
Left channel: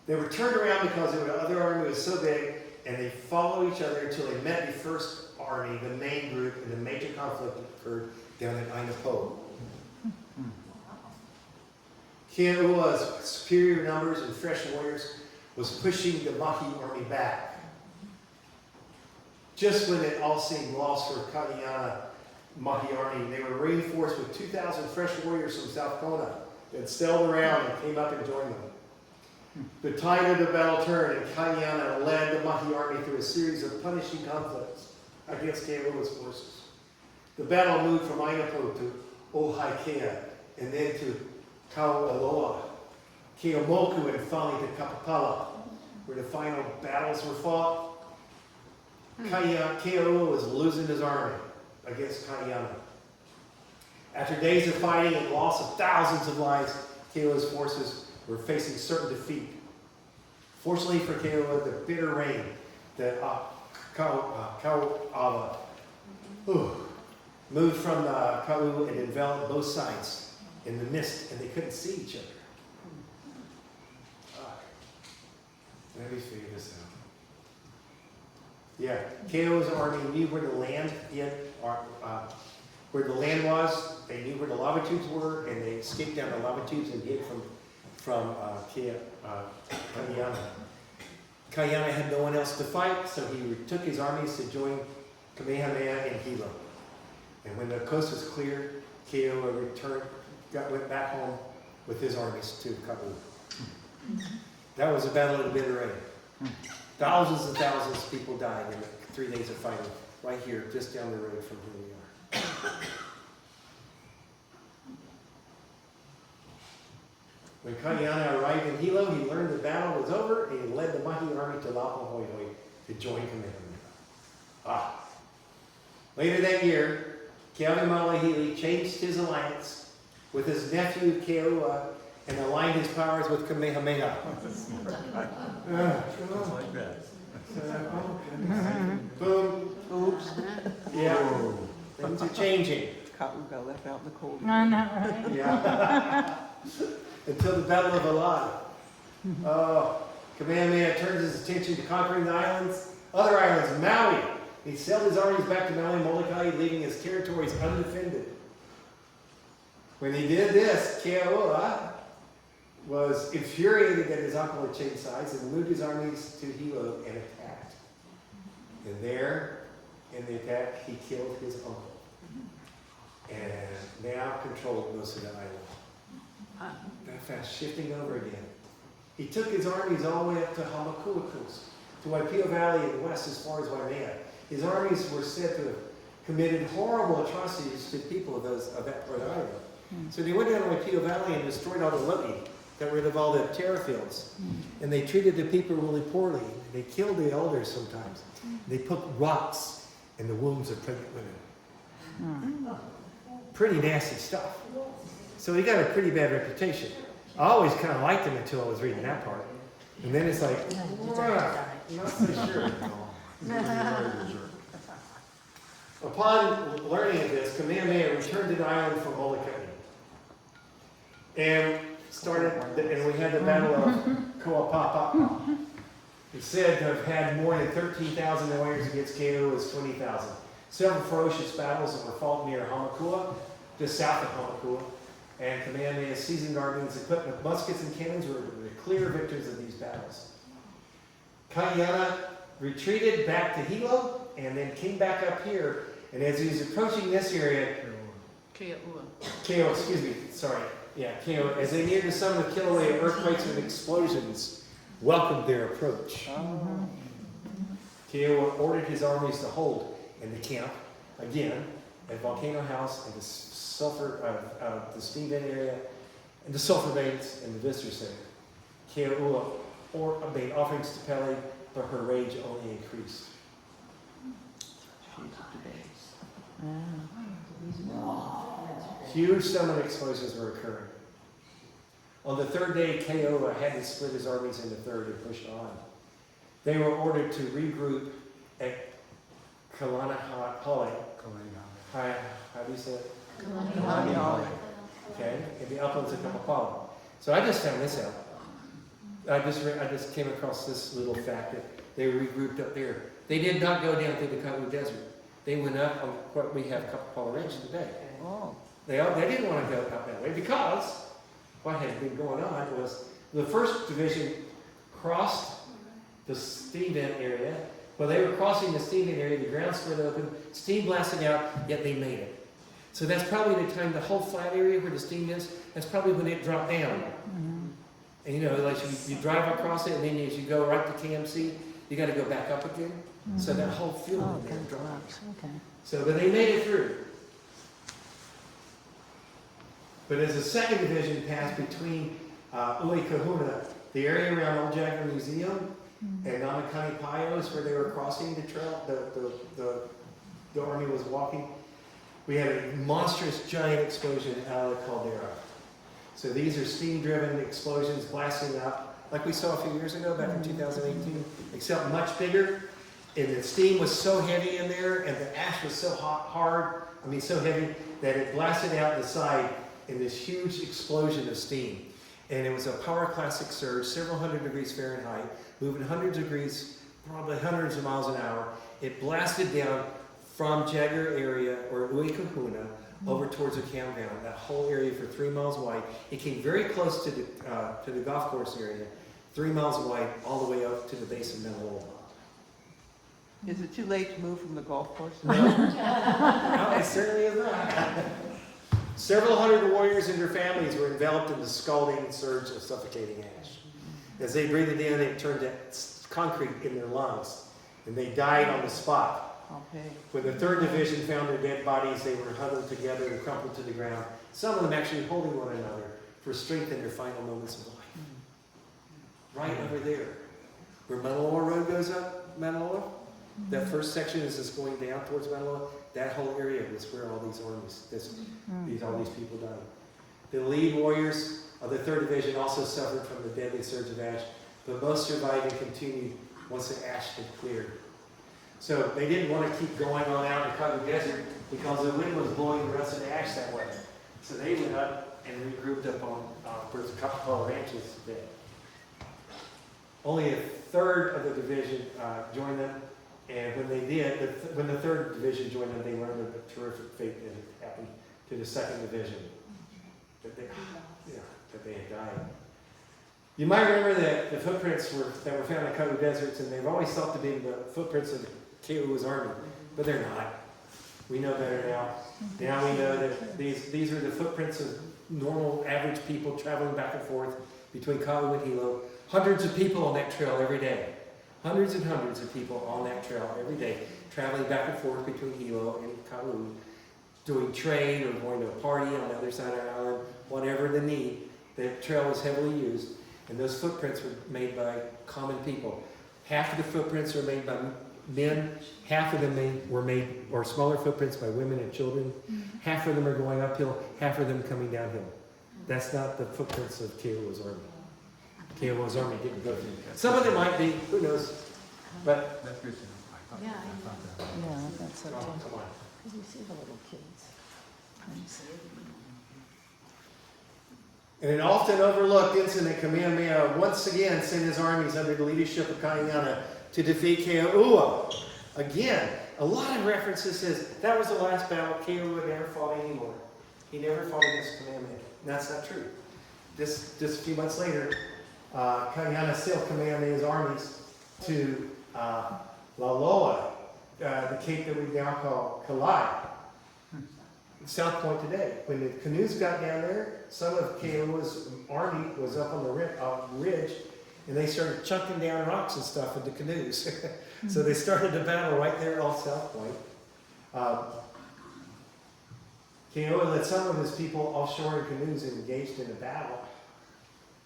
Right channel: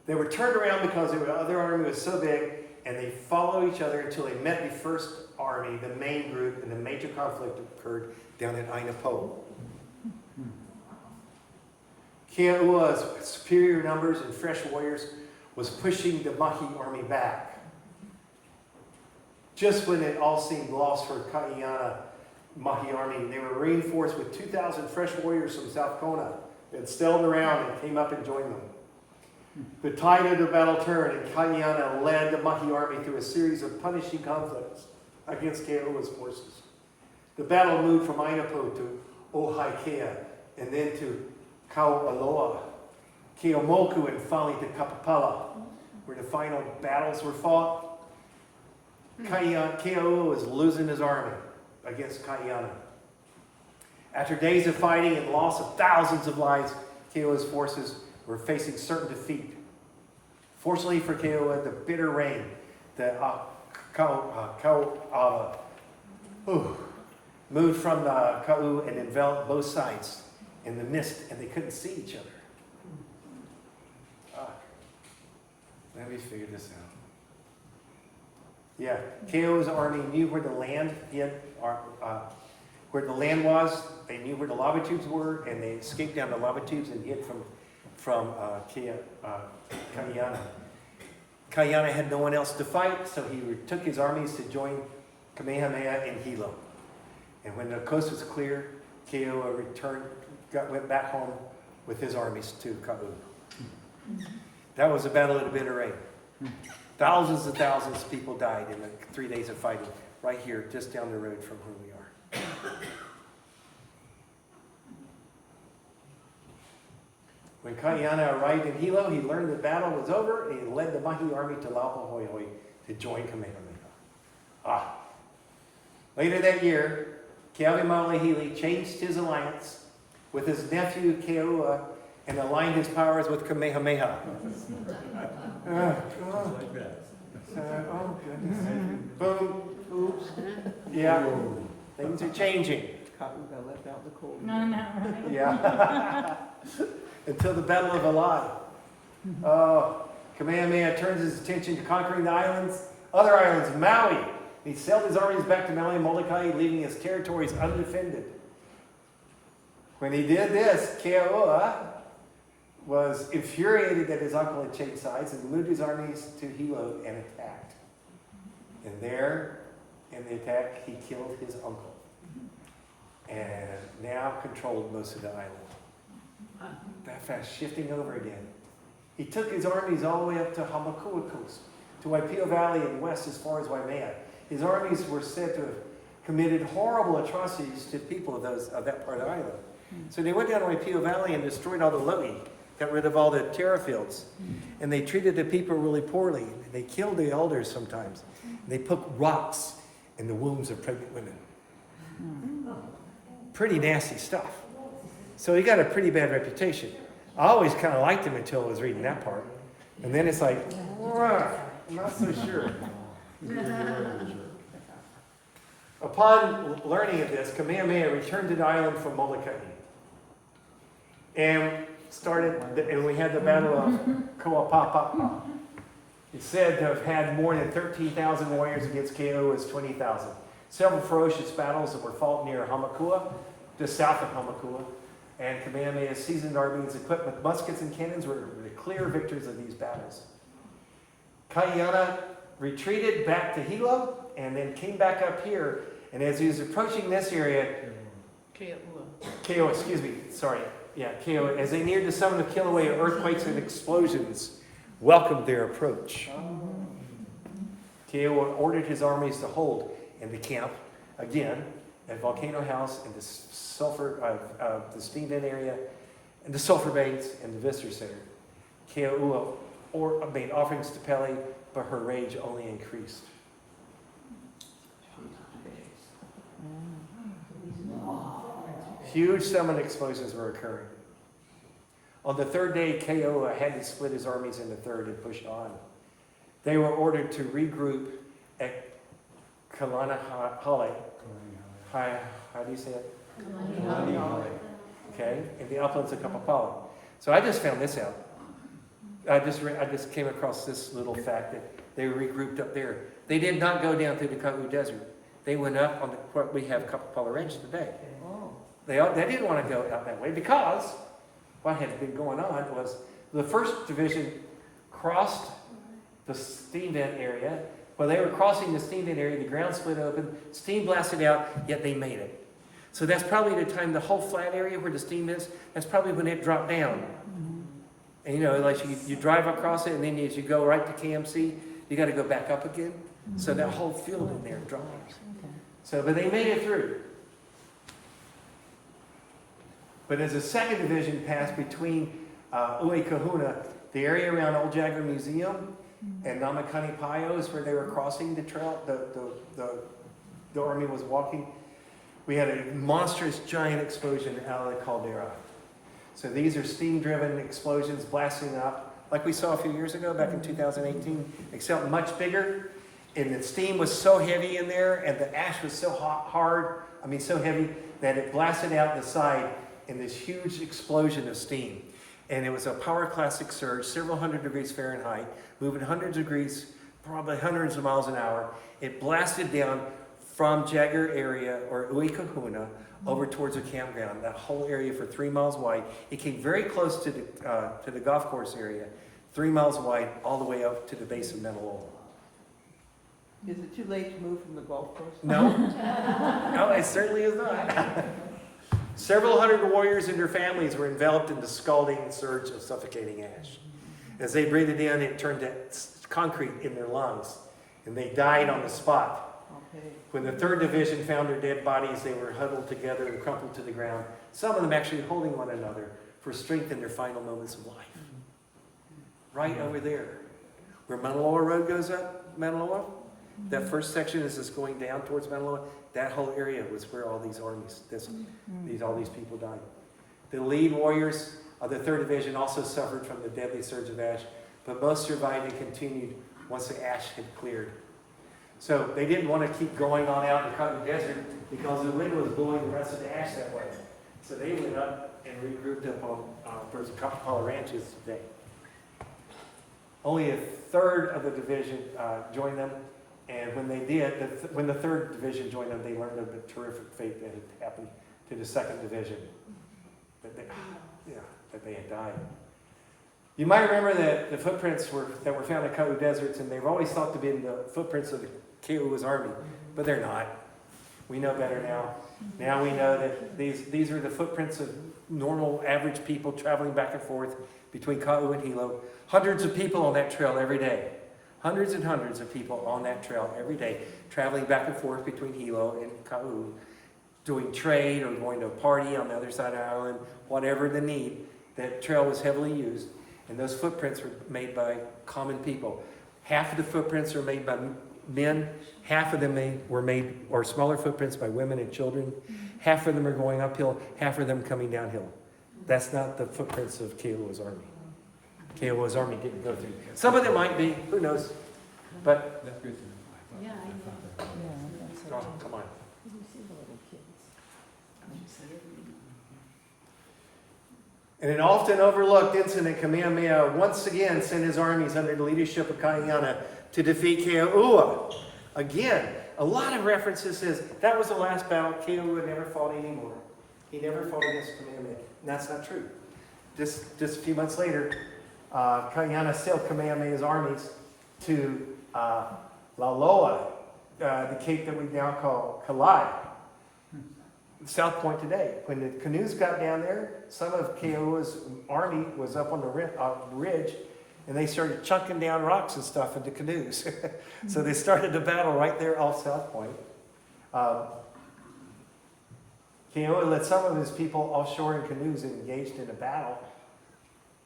They were turned around because the other army was so big, and they followed each other until they met the first army, the main group, and the major conflict occurred down at Aina Po. Keo'ua's superior numbers and fresh warriors was pushing the Mahi army back. Just when it all seemed lost for Kaiana Mahi army, they were reinforced with 2,000 fresh warriors from South Kona that sailed around and came up and joined them. The tide of the battle turned, and Kayana led the Mahi army through a series of punishing conflicts against Keo'ua's forces. The battle moved from Ainapo to Ohaikea, and then to Kaualoa, Keomoku, and finally to Kapapala, where the final battles were fought. Keo'ua was losing his army against Kayana. After days of fighting and loss of thousands of lives, Keo'ua's forces were facing certain defeat. Fortunately for Keo'ua, the bitter rain, the Kauava, moved from the Kau and enveloped both sides in the mist, and they couldn't see each other. Let me figure this out. Yeah, Keo'ua's army knew where the land was. They knew where the lava tubes were, and they escaped down the lava tubes and hid from Kayana. Kayana had no one else to fight, so he took his armies to join Kamehameha in Hilo. And when the coast was cleared, Keo'ua went back home with his armies to Kabu. That was the Battle of the Bitter Rain. Thousands and thousands of people died in the 3 days of fighting right here, just down the road from where we are. When Kayana arrived in Hilo, he learned the battle was over, and he led the Mahi army to Laupahoehoe to join Kamehameha. Later that year, Keawemalahili changed his alliance with his nephew Keo'ua and aligned his powers with Kamehameha. Just like that. Boom. Oops. Yeah. Things are changing. Kapuga left out the cold. I know, right? Yeah. Until the Battle of Alad. Kamehameha turns his attention to conquering the other islands, Maui. He sailed his armies back to Maui Molokai, leaving his territories undefended. When he did this, Keo'ua was infuriated that his uncle had changed sides and moved his armies to Hilo and attacked. And there, in the attack, he killed his uncle and now controlled most of the island. That fast, shifting over again. He took his armies all the way up to Hamakua Coast, to Waipio Valley and west as far as Waimea. His armies were said to have committed horrible atrocities to the people of that part of the island. So they went down to Waipio Valley and destroyed all the lo'i, got rid of all the terra fields. And they treated the people really poorly. They killed the elders sometimes. They put rocks in the wombs of pregnant women. Pretty nasty stuff. So he got a pretty bad reputation. I always kind of liked him until I was reading that part. And then it's like, I'm not so sure. Upon learning of this, Kamehameha returned to the island from Molokai. And we had the Battle of Koapapa. It's said to have had more than 13,000 warriors against Keo'ua's 20,000. Several ferocious battles that were fought near Hamakua, just south of Hamakua. And Kamehameha's seasoned armies equipped with muskets and cannons were the clear victors of these battles. Kayana retreated back to Hilo and then came back up here. And as he was approaching this area, Keo'ua, as they neared the summit of Kilauea, earthquakes and explosions welcomed their approach. Keo'ua ordered his armies to hold in the camp again at Volcano House and the the steam vent area and the sulfur veins and the visitor center. Keo'ua made offerings to Pele, but her rage only increased. Huge summit explosions were occurring. On the third day, Keo'ua had to split his armies into third and push on. They were ordered to regroup at Kalanahale. How do you say it? Okay, in the uplands of Kapapala. So I just found this out. I just came across this little fact that they regrouped up there. They did not go down through the Kau Desert. They went up on what we have Kapapala Range today. They didn't want to go up that way because what had been going on was the 1st Division crossed the steam vent area. While they were crossing the steam vent area, the ground split open, steam blasted out, yet they made it. So that's probably the time the whole flat area where the steam is, that's probably when it dropped down. And you know, like you drive across it, and then as you go right to KMC, you got to go back up again. So that whole field in there dries. So, but they made it through. But as the second division passed between Uekahuna, the area around Old Jagger Museum, and Namakani Payos, where they were crossing the trail, the army was walking, we had a monstrous giant explosion out of the caldera. So these are steam-driven explosions blasting up, like we saw a few years ago, back in 2018, except much bigger. And the steam was so heavy in there, and the ash was so so heavy, that it blasted out the side in this huge explosion of steam. And it was a pyroclastic surge, several hundred degrees Fahrenheit, moving hundreds of degrees, probably hundreds of miles an hour. It blasted down from Jagger area, or Uekahuna, over towards the campground, that whole area for 3 miles wide. It came very close to the golf course area, 3 miles wide, all the way up to the base of Menelola. Is it too late to move from the golf course? No, no, it certainly is not. Several hundred warriors and their families were enveloped in the scalding surge of suffocating ash. As they breathed it in, it turned to concrete in their lungs, and they died on the spot. Okay. When the 3rd Division found their dead bodies, they were huddled together and crumpled to the ground, some of them actually holding one another for strength in their final moments of life. Right over there, where Menelola Road goes up, Menelola, that first section is just going down towards Menelola, that whole area was where all these armies, all these people died. The lead warriors of the 3rd Division also suffered from the deadly surge of ash, but most survived and continued once the ash had cleared. So they didn't want to keep going on out in the Cotton Desert because the wind was blowing the rest of the ash that way. So they went up and regrouped up on there's a couple of ranches today. Only a third of the division joined them, and when they did, when the 3rd Division joined them, they learned of the terrific fate that had happened to the 2nd Division, that they had died. You might remember that the footprints that were found in Cotton Deserts, and they've always thought to be the footprints of the Kiowa's army, but they're not. We know better now. Now we know that these are the footprints of normal, average people traveling back and forth between Kau and Hilo. Hundreds of people on that trail every day. Hundreds and hundreds of people on that trail every day, traveling back and forth between Hilo and Kau, doing trade or going to a party on the other side of the island, whatever the need. That trail was heavily used, and those footprints were made by common people. Half of the footprints were made by men, half of them were made, or smaller footprints, by women and children. Half of them are going uphill, half of them coming downhill. That's not the footprints of Kiowa's army. Kiowa's army didn't go through. Some of them might be, who knows? But That's good to know. Yeah, come on. In an often overlooked incident, Kamehameha once again sent his armies under the leadership of Kaiana to defeat Keoua. Again, a lot of references says that was the last battle. Keoua never fought anymore. He never fought against Kamehameha. And that's not true. Just a few months later, Kaiana sailed Kamehameha's armies to Laloa, the cape that we now call Kalai, South Point today. When the canoes got down there, some of Keoua's army was up on the ridge, and they started chunking down rocks and stuff into canoes. So they started the battle right there off South Point. Keoua led some of his people offshore in canoes and engaged in a battle.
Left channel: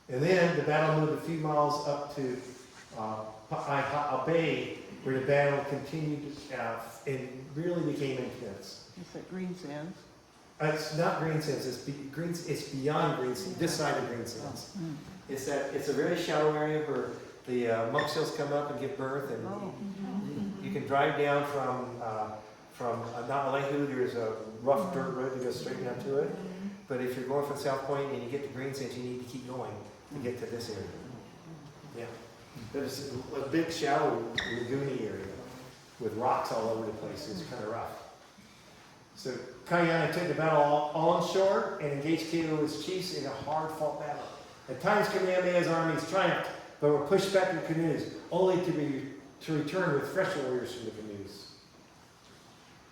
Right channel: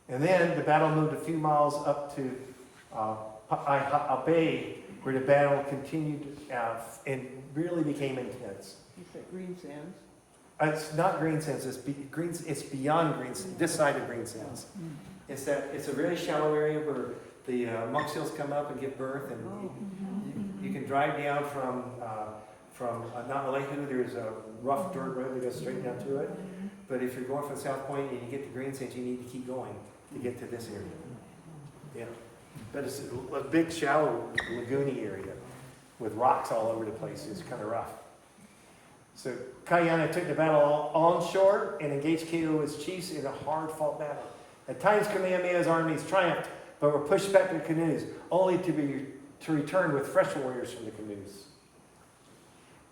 And then the battle moved a few miles up to Pa'aiha'a Bay, where the battle continued and really became intense. You said Green Sands? It's not Green Sands, it's beyond Green Sands, this side of Green Sands. It's a very shallow area where the monk seals come up and give birth, and you can drive down from Na'alehu. There's a rough dirt road that goes straight down to it. But if you're going from South Point and you get to Green Sands, you need to keep going to get to this area. Yeah. But it's a big, shallow, lagoony area with rocks all over the place. It's kind of rough. So Kaiana took the battle onshore and engaged Keoua's chiefs in a hard-fought battle. At times, Kamehameha's armies triumphed, but were pushed back to the canoes, only to return with fresh warriors from the canoes.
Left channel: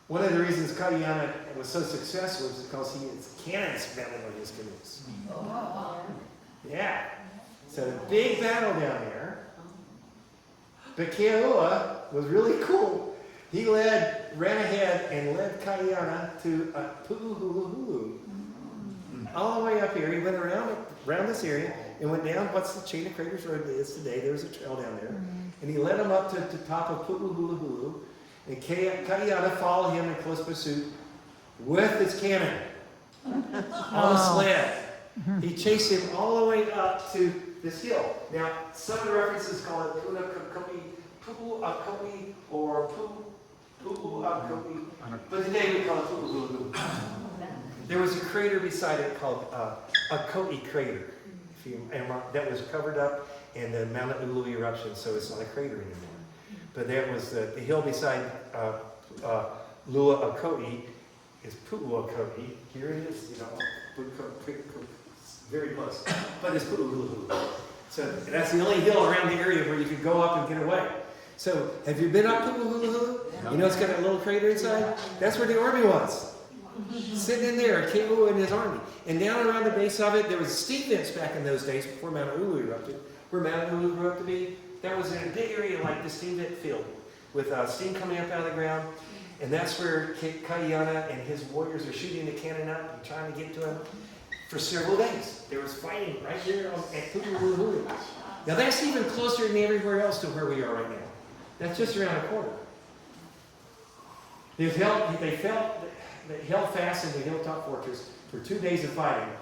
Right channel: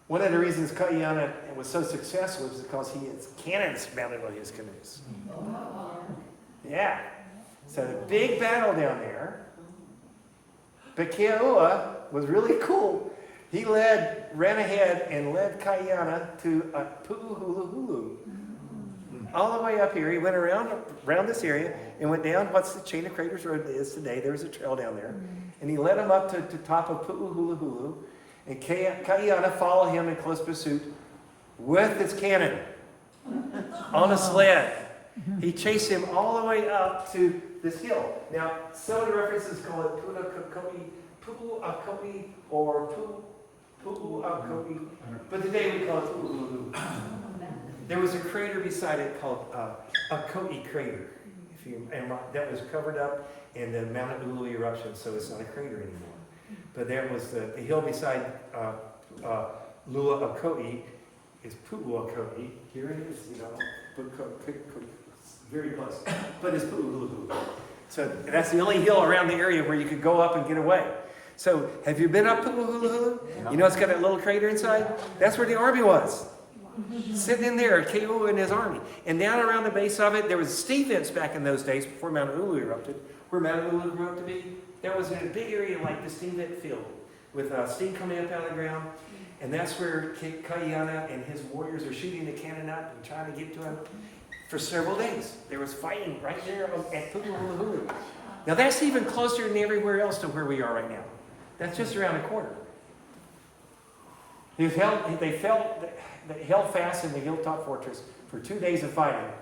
One of the reasons Kaiana was so successful was because he had cannons mounted on his canoes. Yeah. So a big battle down there. But Keoua was really cool. He ran ahead and led Kaiana to Pu'uhuluhulu. All the way up here. He went around this area and went down what's the chain of craters road is today. There was a trail down there. And he led him up to the top of Pu'uhuluhulu. And Kaiana followed him in close pursuit with his cannon on a sled. He chased him all the way up to this hill. Now, some of the references call it Pu'uakopi or Pu'uakopi, but today we call it Pu'uhuluhulu. There was a crater beside it called Akoi crater, and that was covered up in the Mount Ulu eruption, so it's not a crater anymore. But that was the hill beside Lua Akoi is Pu'uakopi. Here it is, very close. But it's Pu'uhuluhulu. So that's the only hill around the area where you could go up and get away. So have you been up Pu'uhuluhulu? You know it's got that little crater inside? That's where the army was. Sitting in there, Keoua and his army. And down around the base of it, there was steam vents back in those days before Mount Ulu erupted. Where Mount Ulu grew up to be, that was in a big area like the steam vent field with steam coming up out of the ground. And that's where Kaiana and his warriors are shooting the cannon up and trying to get to him for several days. There was fighting right there at Pu'uhuluhulu. Now that's even closer than everywhere else to where we are right now. That's just around the corner. They held fast in the hilltop fortress for 2 days of fighting.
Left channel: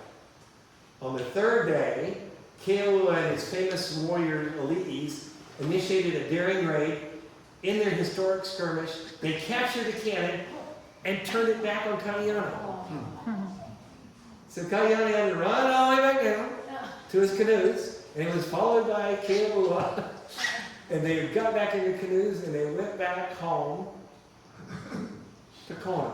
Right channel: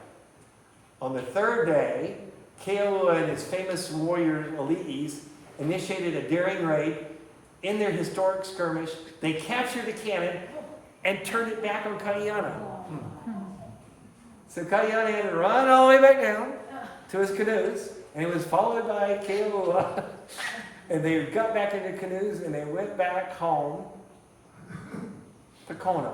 On the third day, Keoua and his famous warrior Ali'is initiated a daring raid. In their historic skirmish, they captured the cannon and turned it back on Kaiana. So Kaiana had to run all the way back down to his canoes, and he was followed by Keoua. And they got back in their canoes and they went back home to Kona.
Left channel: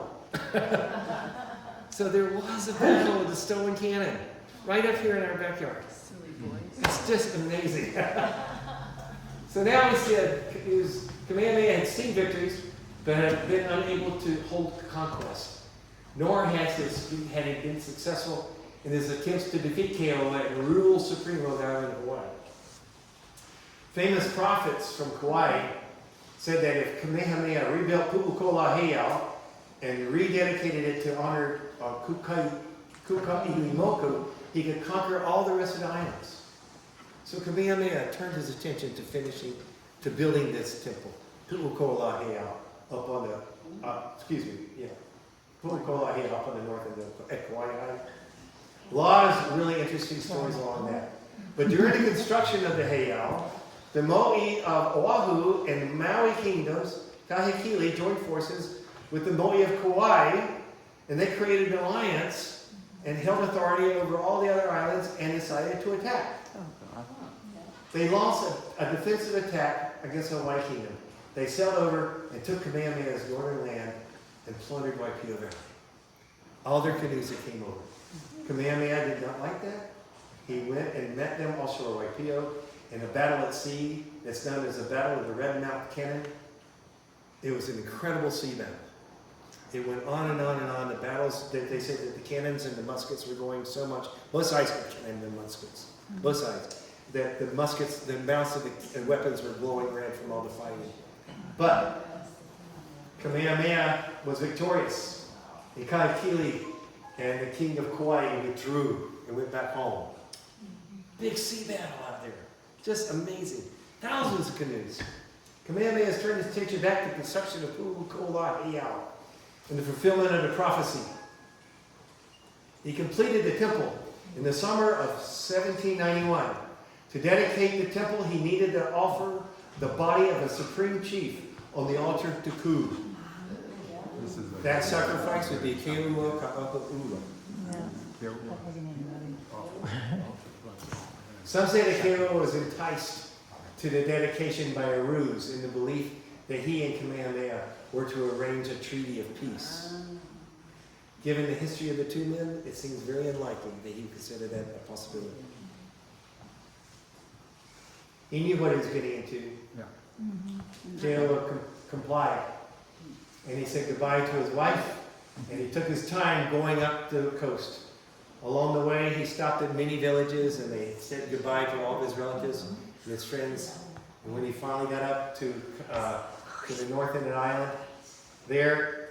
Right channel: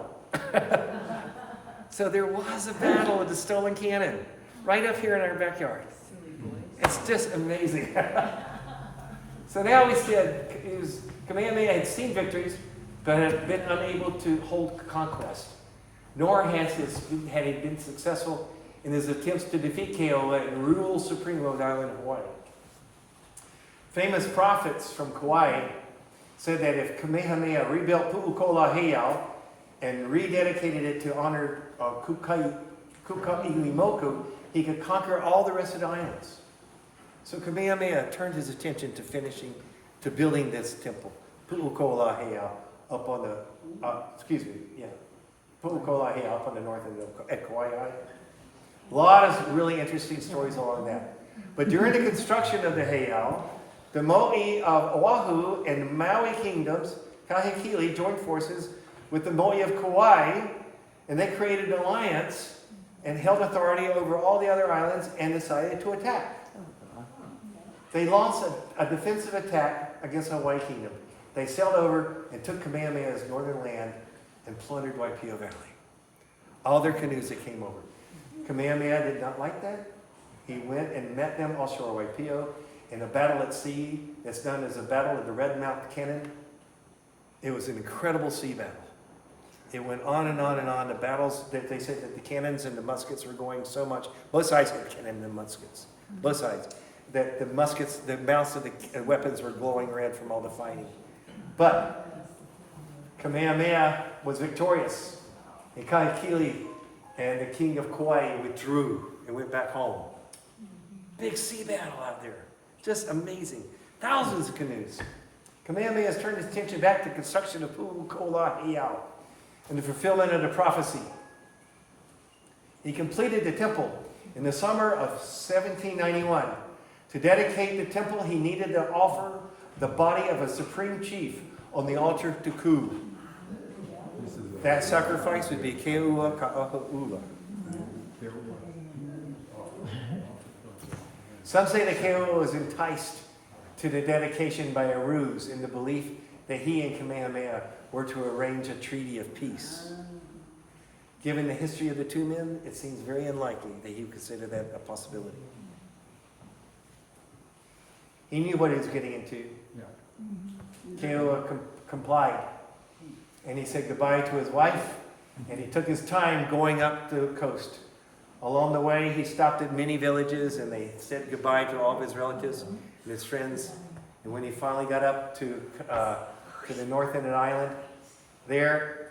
So there was a battle with the stolen cannon right up here in our backyard. Silly boys. It's just amazing. So now we said Kamehameha had seen victories, but had been unable to hold conquest. Nor had he been successful in his attempts to defeat Keoua and rule supreme over the island of Hawaii. Famous prophets from Kauai said that if Kamehameha rebuilt Pu'ukola and rededicated it to honor Kuka'ilimoku, he could conquer all the rest of the islands. So Kamehameha turned his attention to building this temple, Pu'ukola up on the, Pu'ukola up on the north of at Kauai Island. A lot of really interesting stories along that. But during the construction of the heiau, the Mo'i of Oahu and Maui kingdoms, Kahekili, joined forces with the Mo'i of Kauai, and they created an alliance and held authority over all the other islands and decided to attack. They launched a defensive attack against the Hawaii kingdom. They sailed over and took Kamehameha's northern land and plundered Waipio Valley. All their canoes that came over. Kamehameha did not like that. He went and met them offshore Waipio in a battle at sea that's known as the Battle of the Red Mount Cannon. It was an incredible sea battle. It went on and on and on. The battles, they said that the cannons and the muskets were going so much. Both sides had cannon and muskets. Both sides. That the muskets, the mounts of the weapons were glowing red from all the fighting. But Kamehameha was victorious. And Kahekili and the king of Kauai withdrew and went back home. Big sea battle out there. Just amazing. Thousands of canoes. Kamehameha has turned his attention back to the construction of Pu'ukola and the fulfillment of the prophecy. He completed the temple in the summer of 1791. To dedicate the temple, he needed to offer the body of a supreme chief on the altar of Tuku. That sacrifice would be Keoua Ka'ahu'ula. Some say that Keoua was enticed to the dedication by a ruse in the belief that he and Kamehameha were to arrange a treaty of peace. Given the history of the two men, it seems very unlikely that he would consider that a possibility. He knew what he was getting into. Keoua complied. And he said goodbye to his wife, and he took his time going up the coast Along the way, he stopped at many villages and they said goodbye to all of his relatives and his friends. And when he finally got up to the north end of the island, there,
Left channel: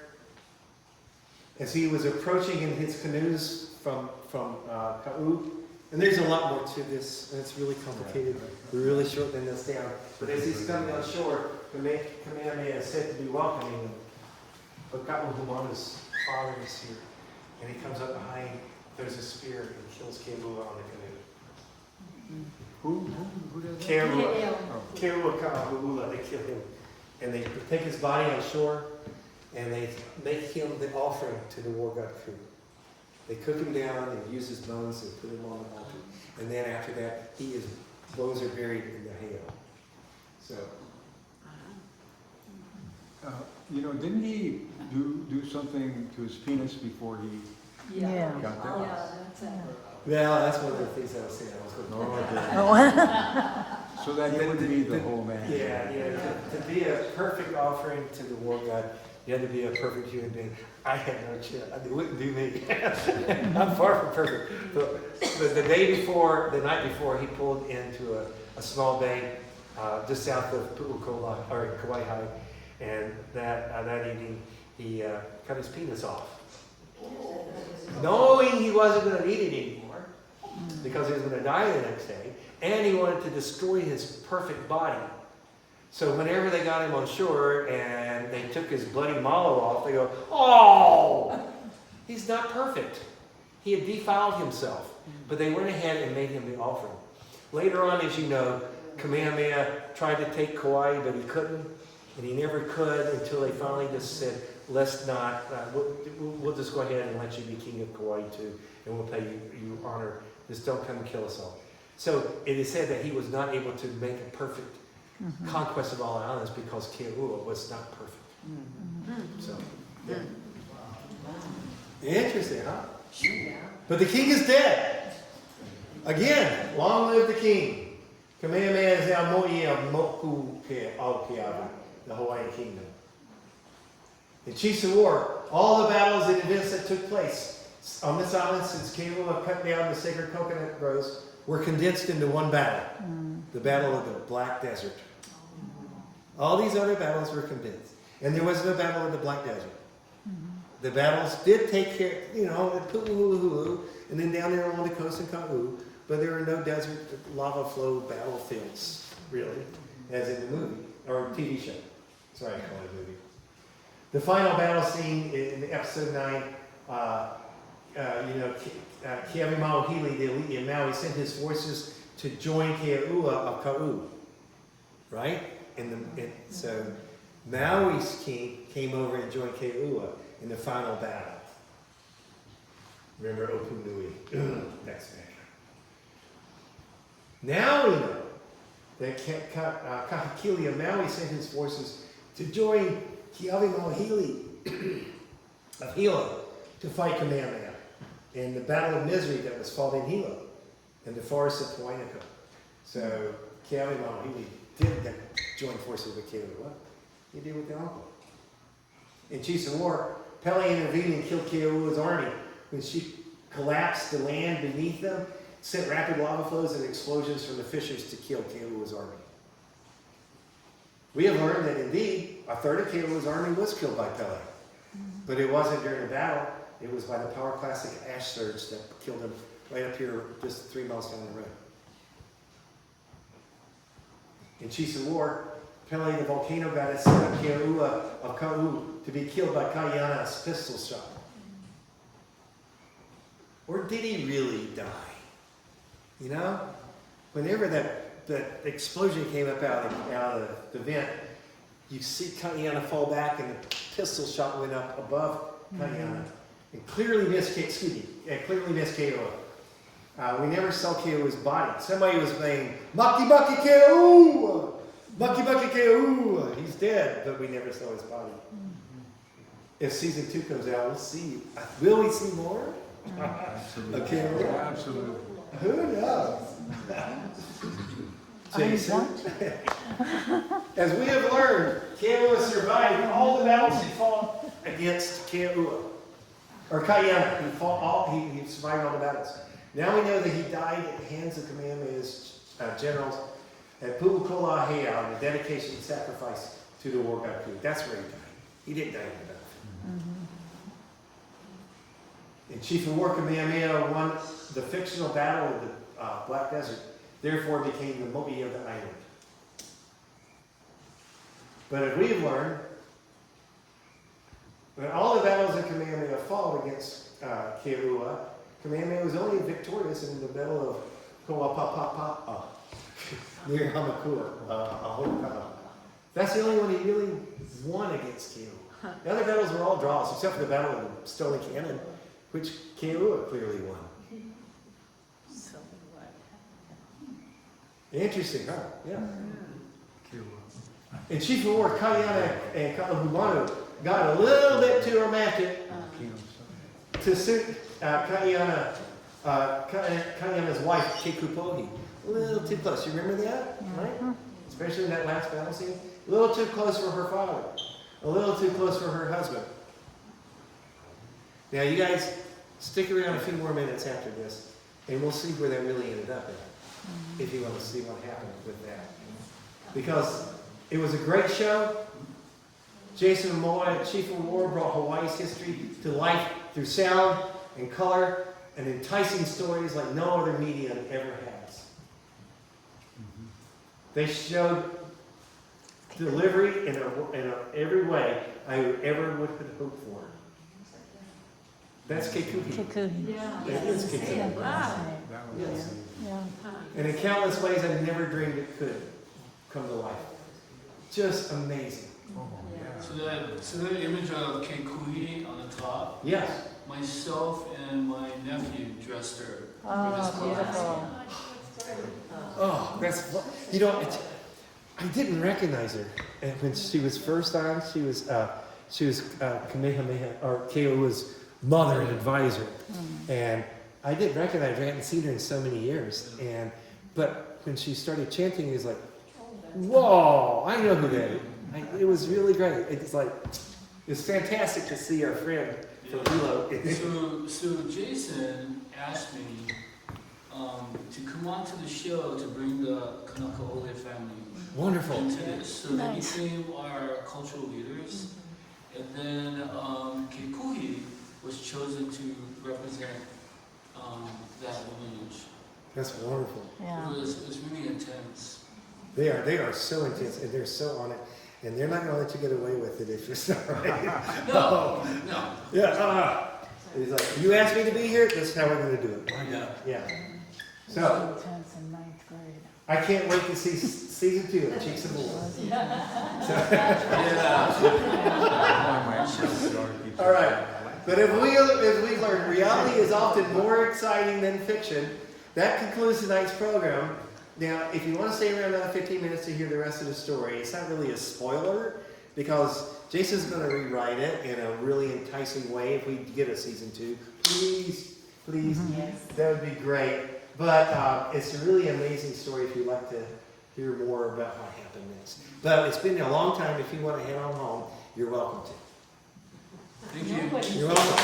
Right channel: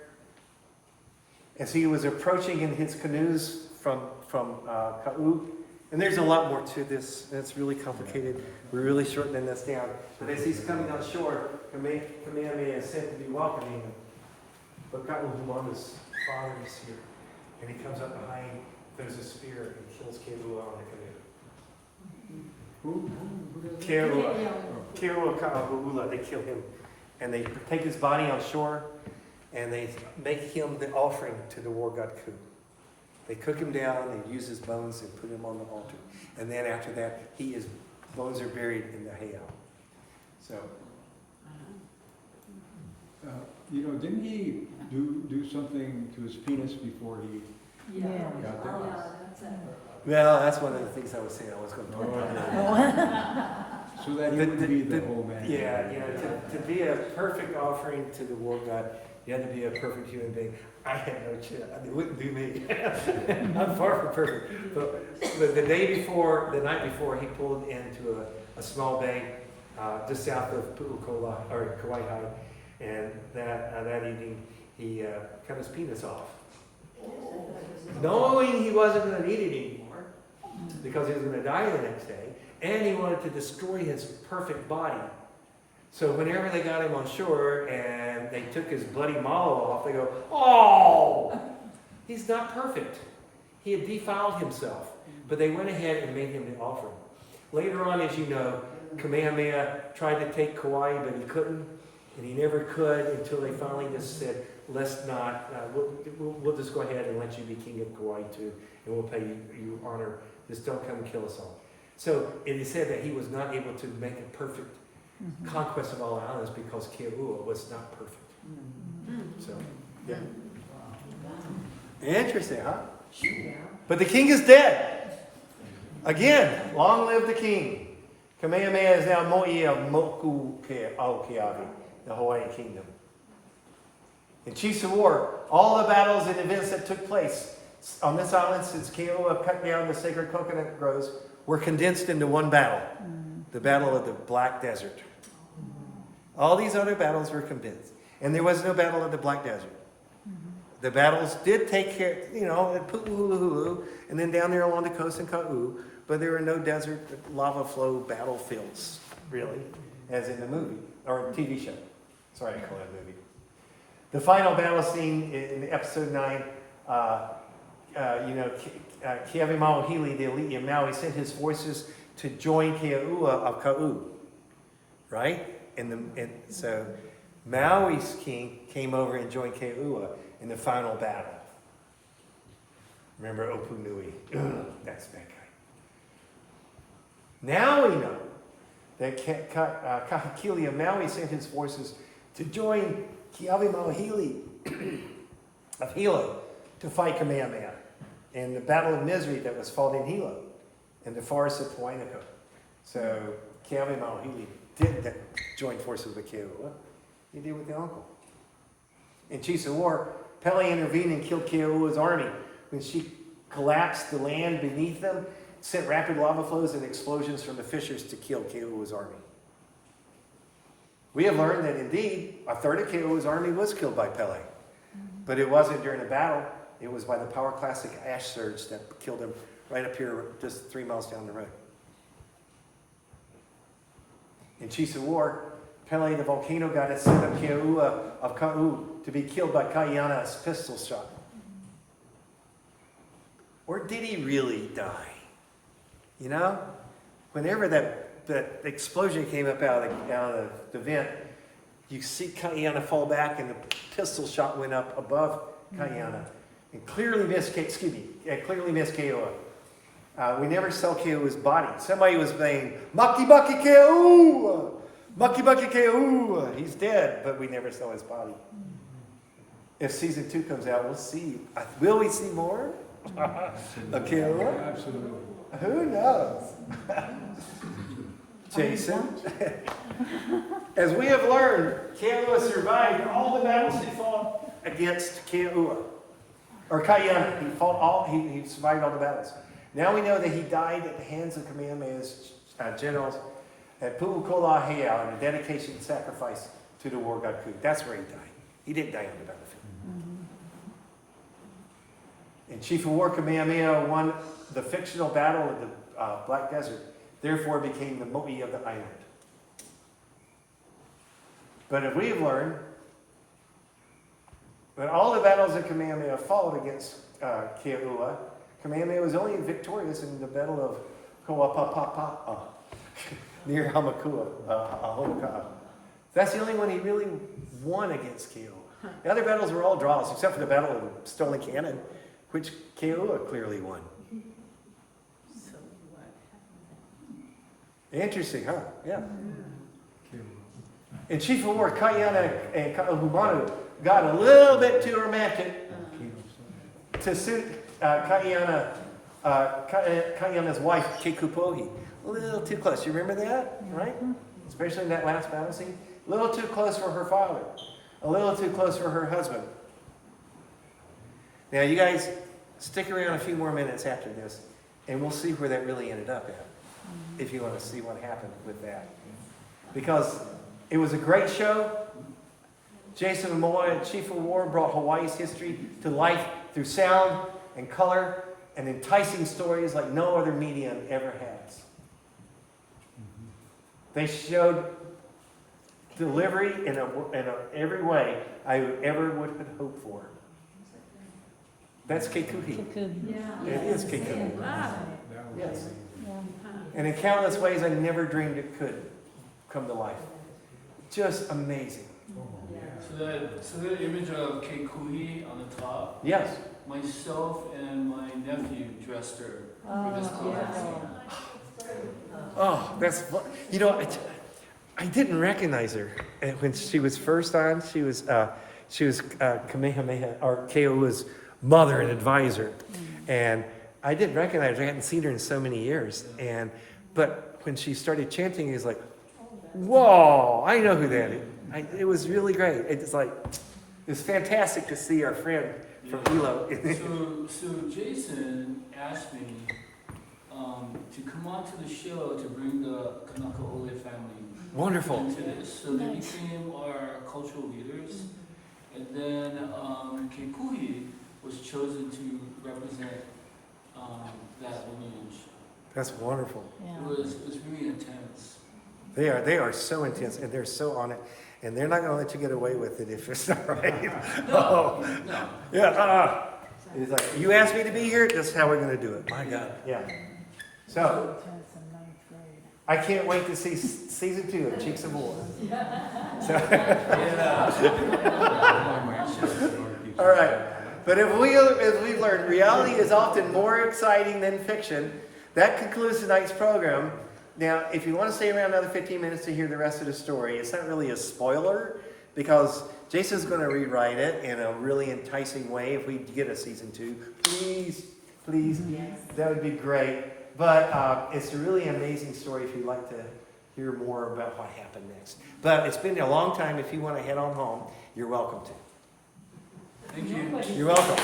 as he was approaching in his canoes from Ka'u, and there's a lot more to this, and it's really complicated. We're really shortening this down. But as he's coming on shore, Kamehameha is said to be welcoming him. But Ka'uhumona's father is here. And he comes up behind, there's a spear, and kills Keoua on the canoe. Who does that? Keoua Ka'ahu'ula, they kill him. And they take his body on shore, and they make him the offering to the war god Ku. They cook him down, they use his bones and put him on the altar. And then after that, his bones are buried in the hail. So, Didn't he do something to his penis before he Yeah. got there? Yeah, that's it. well, that's one of the things I was saying I was going to Oh, okay. So that he wouldn't be the whole man. Yeah, to be a perfect offering to the war god, you had to be a perfect human being. I had no chance. It wouldn't be me. I'm far from perfect. But the night before, he pulled into a small bay just south of Pu'ukola, or Kauai, and that evening he cut his penis off. Knowing he wasn't going to need it anymore, because he was going to die the next day, and he wanted to destroy his perfect body. So whenever they got him on shore and they took his bloody malo off, they go, oh, he's not perfect. He had defiled himself. But they went ahead and made him the offering. Later on, as you know, Kamehameha tried to take Kauai, but he couldn't. And he never could until they finally just said, let's not, we'll just go ahead and let you be king of Kauai too, and we'll pay you honor. Just don't come and kill us all. So it is said that he was not able to make a perfect conquest of all the islands because Keoua was not perfect. So, yeah. Interesting, huh? But the king is dead. Again, long live the king. Kamehameha is now Mo'i of Moku Keawe, the Hawaiian kingdom. In chiefs of war, all the battles and events that took place on this island since Keoua cut down the sacred coconut groves were condensed into one battle, the Battle of the Black Desert. All these other battles were condensed, and there was no battle of the Black Desert. The battles did take care, at Pu'uhuluhulu, and then down there along the coast in Ka'u, but there were no desert lava flow battlefields, really, as in the movie, or TV show. Sorry, I call it a movie. The final battle scene in episode 9, Keawe Mauhili, the elite of Maui, sent his forces to join Keoua of Ka'u, right? So Maui's king came over and joined Keoua in the final battle. Remember Opunui? That's bad guy. Now we know that Kahekili of Maui sent his forces to join Keawe Mauhili of Hilo to fight Kamehameha in the Battle of Misery that was fought in Hilo in the forest of Puainako. So Keawe Mauhili did join forces with Keoua. He did with the uncle. In chiefs of war, Pele intervened and killed Keoua's army. When she collapsed, the land beneath them sent rapid lava flows and explosions from the fissures to kill Keoua's army. We have learned that indeed a third of Keoua's army was killed by Pele. But it wasn't during a battle. It was by the Power Classic ash surge that killed him right up here just 3 miles down the road. In chiefs of war, Pele the volcano goddess sent up Keoua of Ka'u to be killed by Kaiana's pistol shot. Or did he really die? Whenever that explosion came up out of the vent, you see Kaiana fall back and the pistol shot went up above Kaiana and clearly missed Keoua. We never saw Keoua's body. Somebody was saying, Maki Maki Keoua! Maki Maki Keoua! He's dead, but we never saw his body. If season 2 comes out, we'll see. Will we see more? Okay, Absolutely. Who knows? Jason, as we have learned, Keoua survived all the battles he fought against or Kayana. He fought all. He survived all the battles. Now we know that he died at the hands of Kamehameha's generals at Pu'ukolahea on the dedication and sacrifice to the war god Ku. That's where he died. He didn't die on the battlefield. And Chief of War Kamehameha won the fictional battle of the Black Desert, therefore became the Mo'i of the island. But as we have learned, that all the battles that Kamehameha fought against Keoua, Kamehameha was only victorious in the battle of Koapapapa near Hamakua, Ahoka. That's the only one he really won against Keoua. The other battles were all draws, except for the battle of the Stony Cannon, which Keoua clearly won. So what? Interesting, huh? Yeah. And Chief of War Kayana and Ka'ahumanu got a little bit too romantic to suit Kayana's wife, Kekupohi. A little too close. You remember that? Right? Especially in that last battle scene. A little too close for her father. A little too close for her husband. Now, you guys stick around a few more minutes after this, and we'll see where that really ended up at, if you want to see what happened with that. Because it was a great show. Jason Momoa, Chief of War, brought Hawaii's history to life through sound and color and enticing stories like no other medium ever has. They showed delivery in every way I ever would have hoped for. That's Kekuhi. Yeah. It is Kekuhi. Wow. Yes. Yeah. Huh. And in countless ways I never dreamed it could come to life. Just amazing. So the image of Kekuhi on the top, Yes. myself and my nephew dressed her for this class. Oh, that's, you know, I didn't recognize her. And when she was first on, she was Kamehameha, or Keoua's mother and advisor. And I didn't recognize her. I hadn't seen her in so many years. But when she started chanting, it was like, whoa, I know who that is. It was really great. It's like, it's fantastic to see our friend from Hilo. So Jason asked me to come on to the show to bring the Kanaka Ole family Wonderful. into this. So they became our cultural leaders. And then Kekuhi was chosen to represent that lineage. That's wonderful. It was really intense. They are so intense, and they're so on it, and they're not going to let you get away with it if it's not right. No. Yeah. It's like, you asked me to be here, that's how we're going to do it. My God. Yeah. So, I can't wait to see season 2 of Cheeks of War. All right. But if we've learned, reality is often more exciting than fiction. That concludes tonight's program. Now, if you want to stay around another 15 minutes to hear the rest of the story, it's not really a spoiler because Jason's going to rewrite it in a really enticing way. If we get a season 2, please, that would be great. But it's a really amazing story if you'd like to hear more about what happened next. But it's been a long time. If you want to head on home, you're welcome to. Thank you. You're welcome.